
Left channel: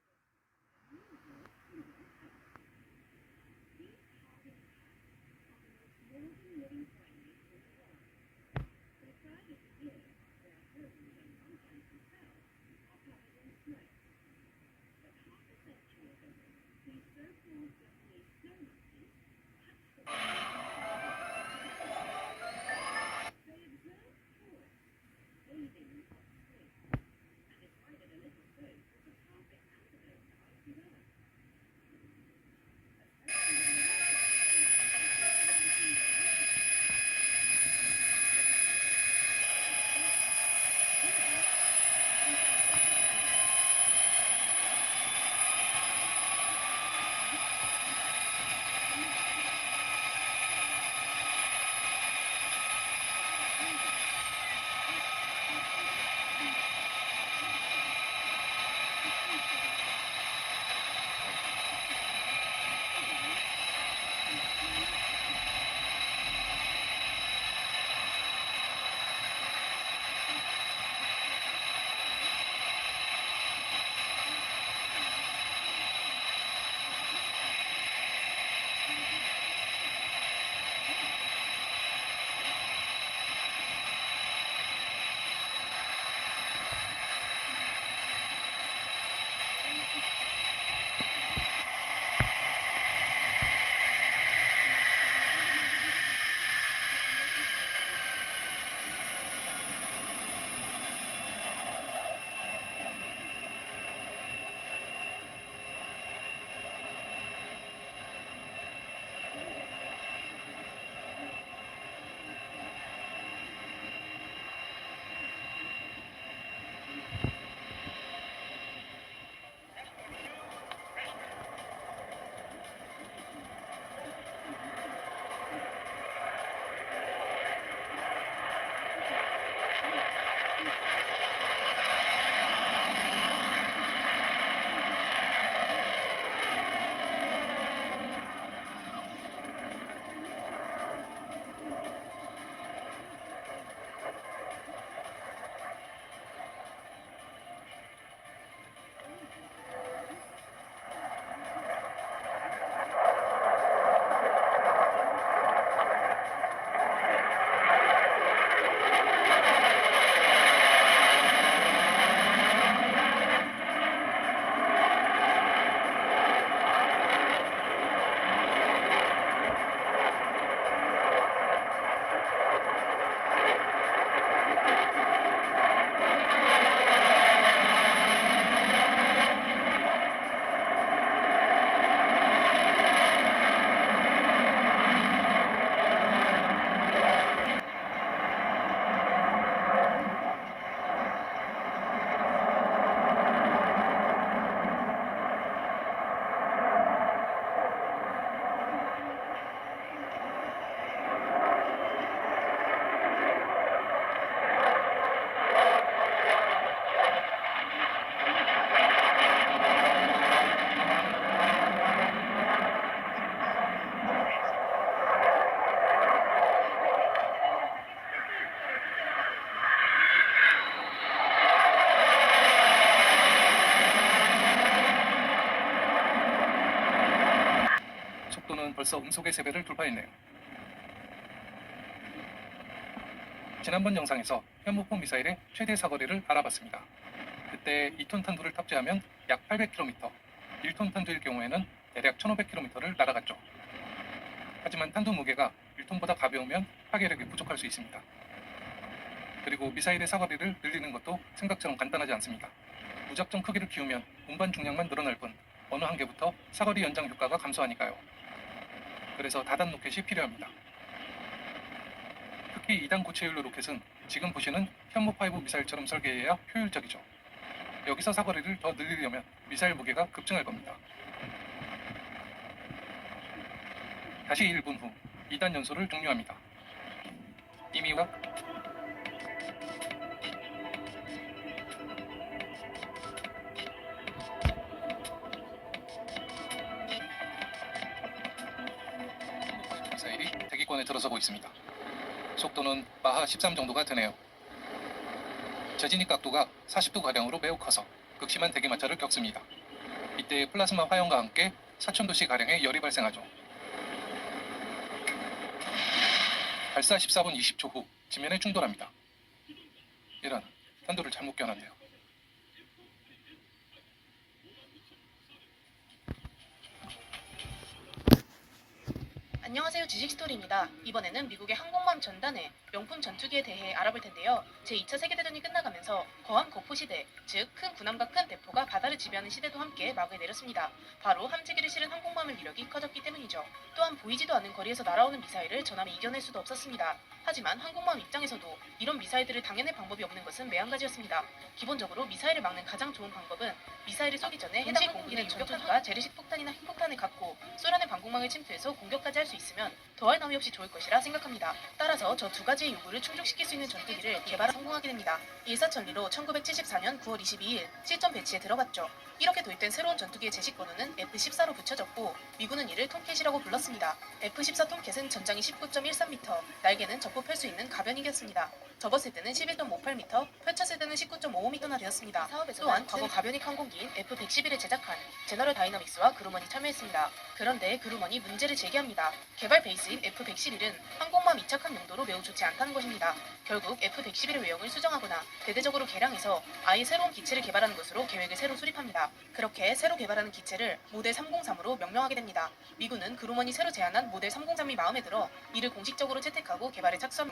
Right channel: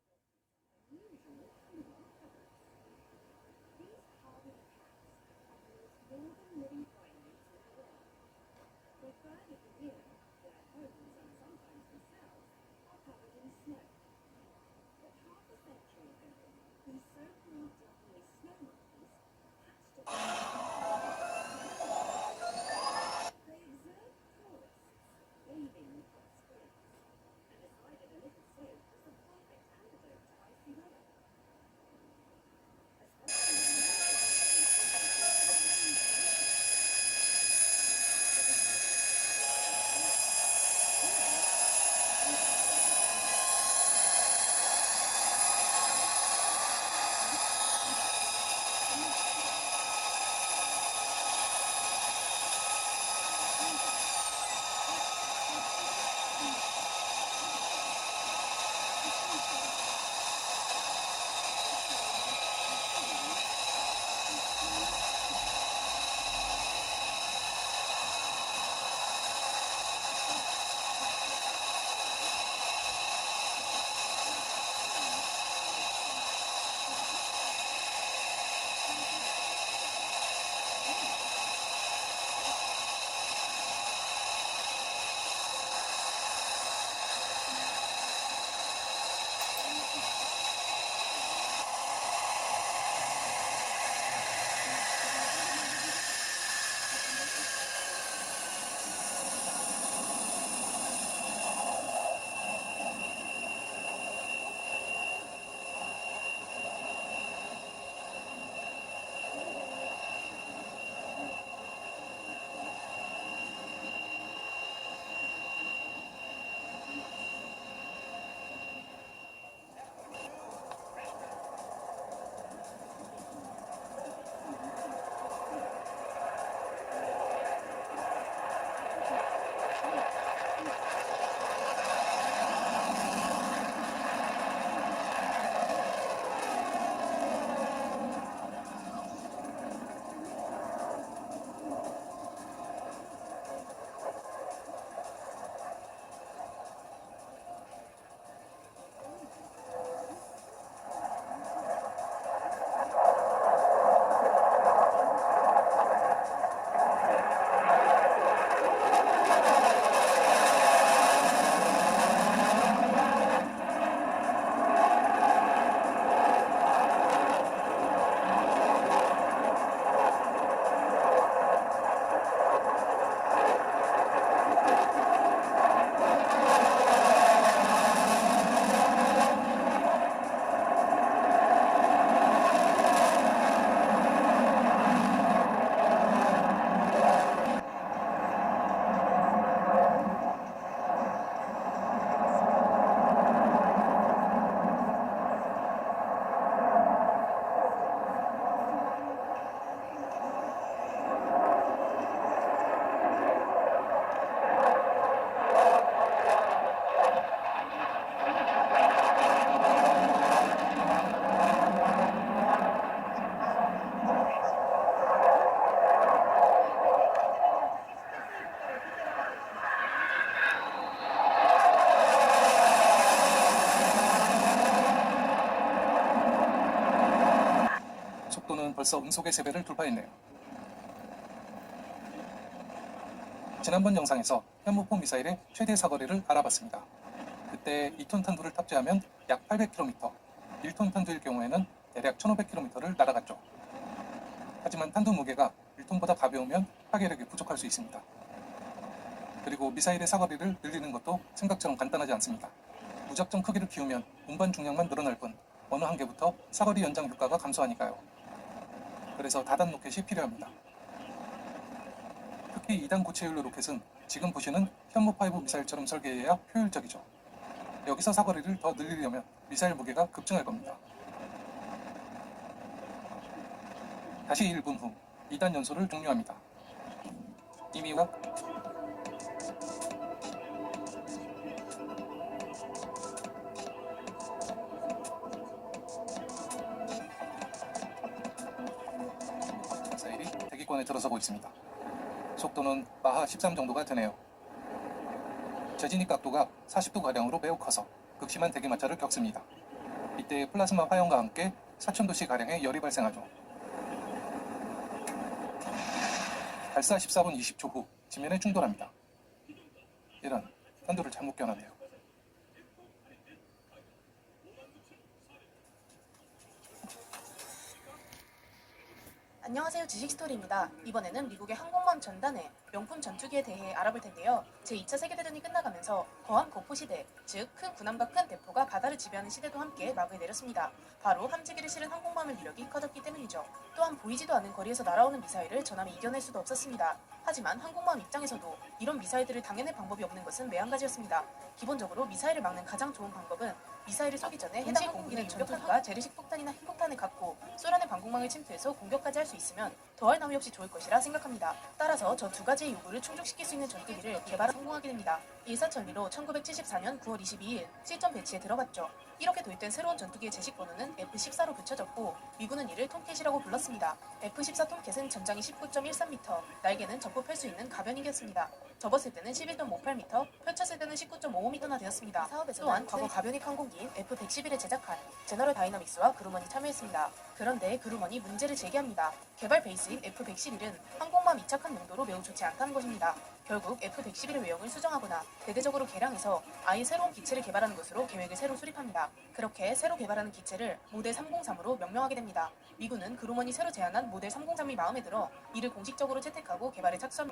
벌써 음속의 세배를 돌파했네요. 지난번 영상에서 현무폭 미사일의 최대 사거리를 알아봤습니다. 그때 2톤 탄두를 탑재하면 약 800km, 1톤 탄두일 경우에는 대략 1500km를 날아갔죠. 하지만 탄두 무게가 1톤보다 가벼우면 파괴력이 부족할 수 있습니다. 그리고 미사일의 사거리를 늘리는 것도 생각처럼 간단하지 않습니다. 무작정 크기를 키우면 운반 중량만 늘어날 뿐 어느 한계부터 사거리 연장 효과가 감소하니까요. 그래서 다단 로켓이 필요합니다. 특히 2단 고체연료 로켓은 지금 보시는 현무5 미사일처럼 설계해야 효율적이죠. 여기서 사거리를 더 늘리려면 미사일 무게가 급증할 겁니다. 다시 1분 후 2단 연소를 종료합니다. 이미와 미사일이 대기권에 들어서고 있습니다. 속도는 마하 13 정도가 되네요. 재진입 각도가 40도가량으로 매우 커서 극심한 대기마찰을 겪습니다. 이때 플라즈마 화염과 함께 4000도씨 가량의 열이 발생하죠. 발사 14분 20초 후 지면에 충돌합니다. 이런, 탄두를 잘못 껴놨네요. 안녕하세요, 지식스토리입니다. 이번에는 미국의 항공모함 전단의 명품 전투기에 대해 알아볼 텐데요. 제2차 세계대전이 끝나가면서 거한 거포 시대, 즉 큰 군함과 큰 대포가 바다를 지배하는 시대도 함께 막을 내렸습니다. 바로 함지기를 실은 항공모함의 위력이 커졌기 때문이죠. 또한 보이지도 않는 거리에서 날아오는 미사일을 전함이 이겨낼 수도 없었습니다. 하지만 항공모함 입장에서도 이런 미사일들을 당해낼 방법이 없는 것은 매한가지였습니다. 기본적으로 미사일을 막는 가장 좋은 방법은 미사일을 쏘기 전에 해당 공기를 전투기가 재래식 폭탄이나 핵폭탄을 갖고 소련의 방공망을 침투해서 공격까지 할 수 있으면 더할 나위 없이 좋을 것이라 생각합니다. 따라서 저 두 가지의 요구를 충족시킬 수 있는 전투기를 개발에 성공하게 됩니다. 일사천리로 1974년 9월 22일 실전 배치에 들어갔죠. 이렇게 도입된 새로운 전투기의 제식번호는 F-14로 붙여졌고 미군은 이를 톰캣이라고 불렀습니다. F-14 톰캣은 전장이 19.13m, 날개는 접고 펼 수 있는 가변이겼습니다. 접었을 때는 11.58m, 펼쳤을 때는 19.55m나 되었습니다. 또한 과거 가변익 항공기인 F-111을 제작한 제너럴 다이너믹스와 그루먼이 참여했습니다. 그런데 그루먼이 문제를 제기합니다. 개발 베이스인 F-111은 항공모함 이착함 용도로 매우 좋지 않다는 것입니다. 결국 F-111의 외형을 수정하거나 대대적으로 개량해서 아예 새로운 기체를 개발하는 것으로 계획을 새로 수립합니다. 그렇게 새로 개발하는 기체를 모델 303으로 명명하게 됩니다. 미군은 그루먼이 새로 제안한 모델 303이 마음에 들어 이를 공식적으로 채택하고 개발에 착수합니다.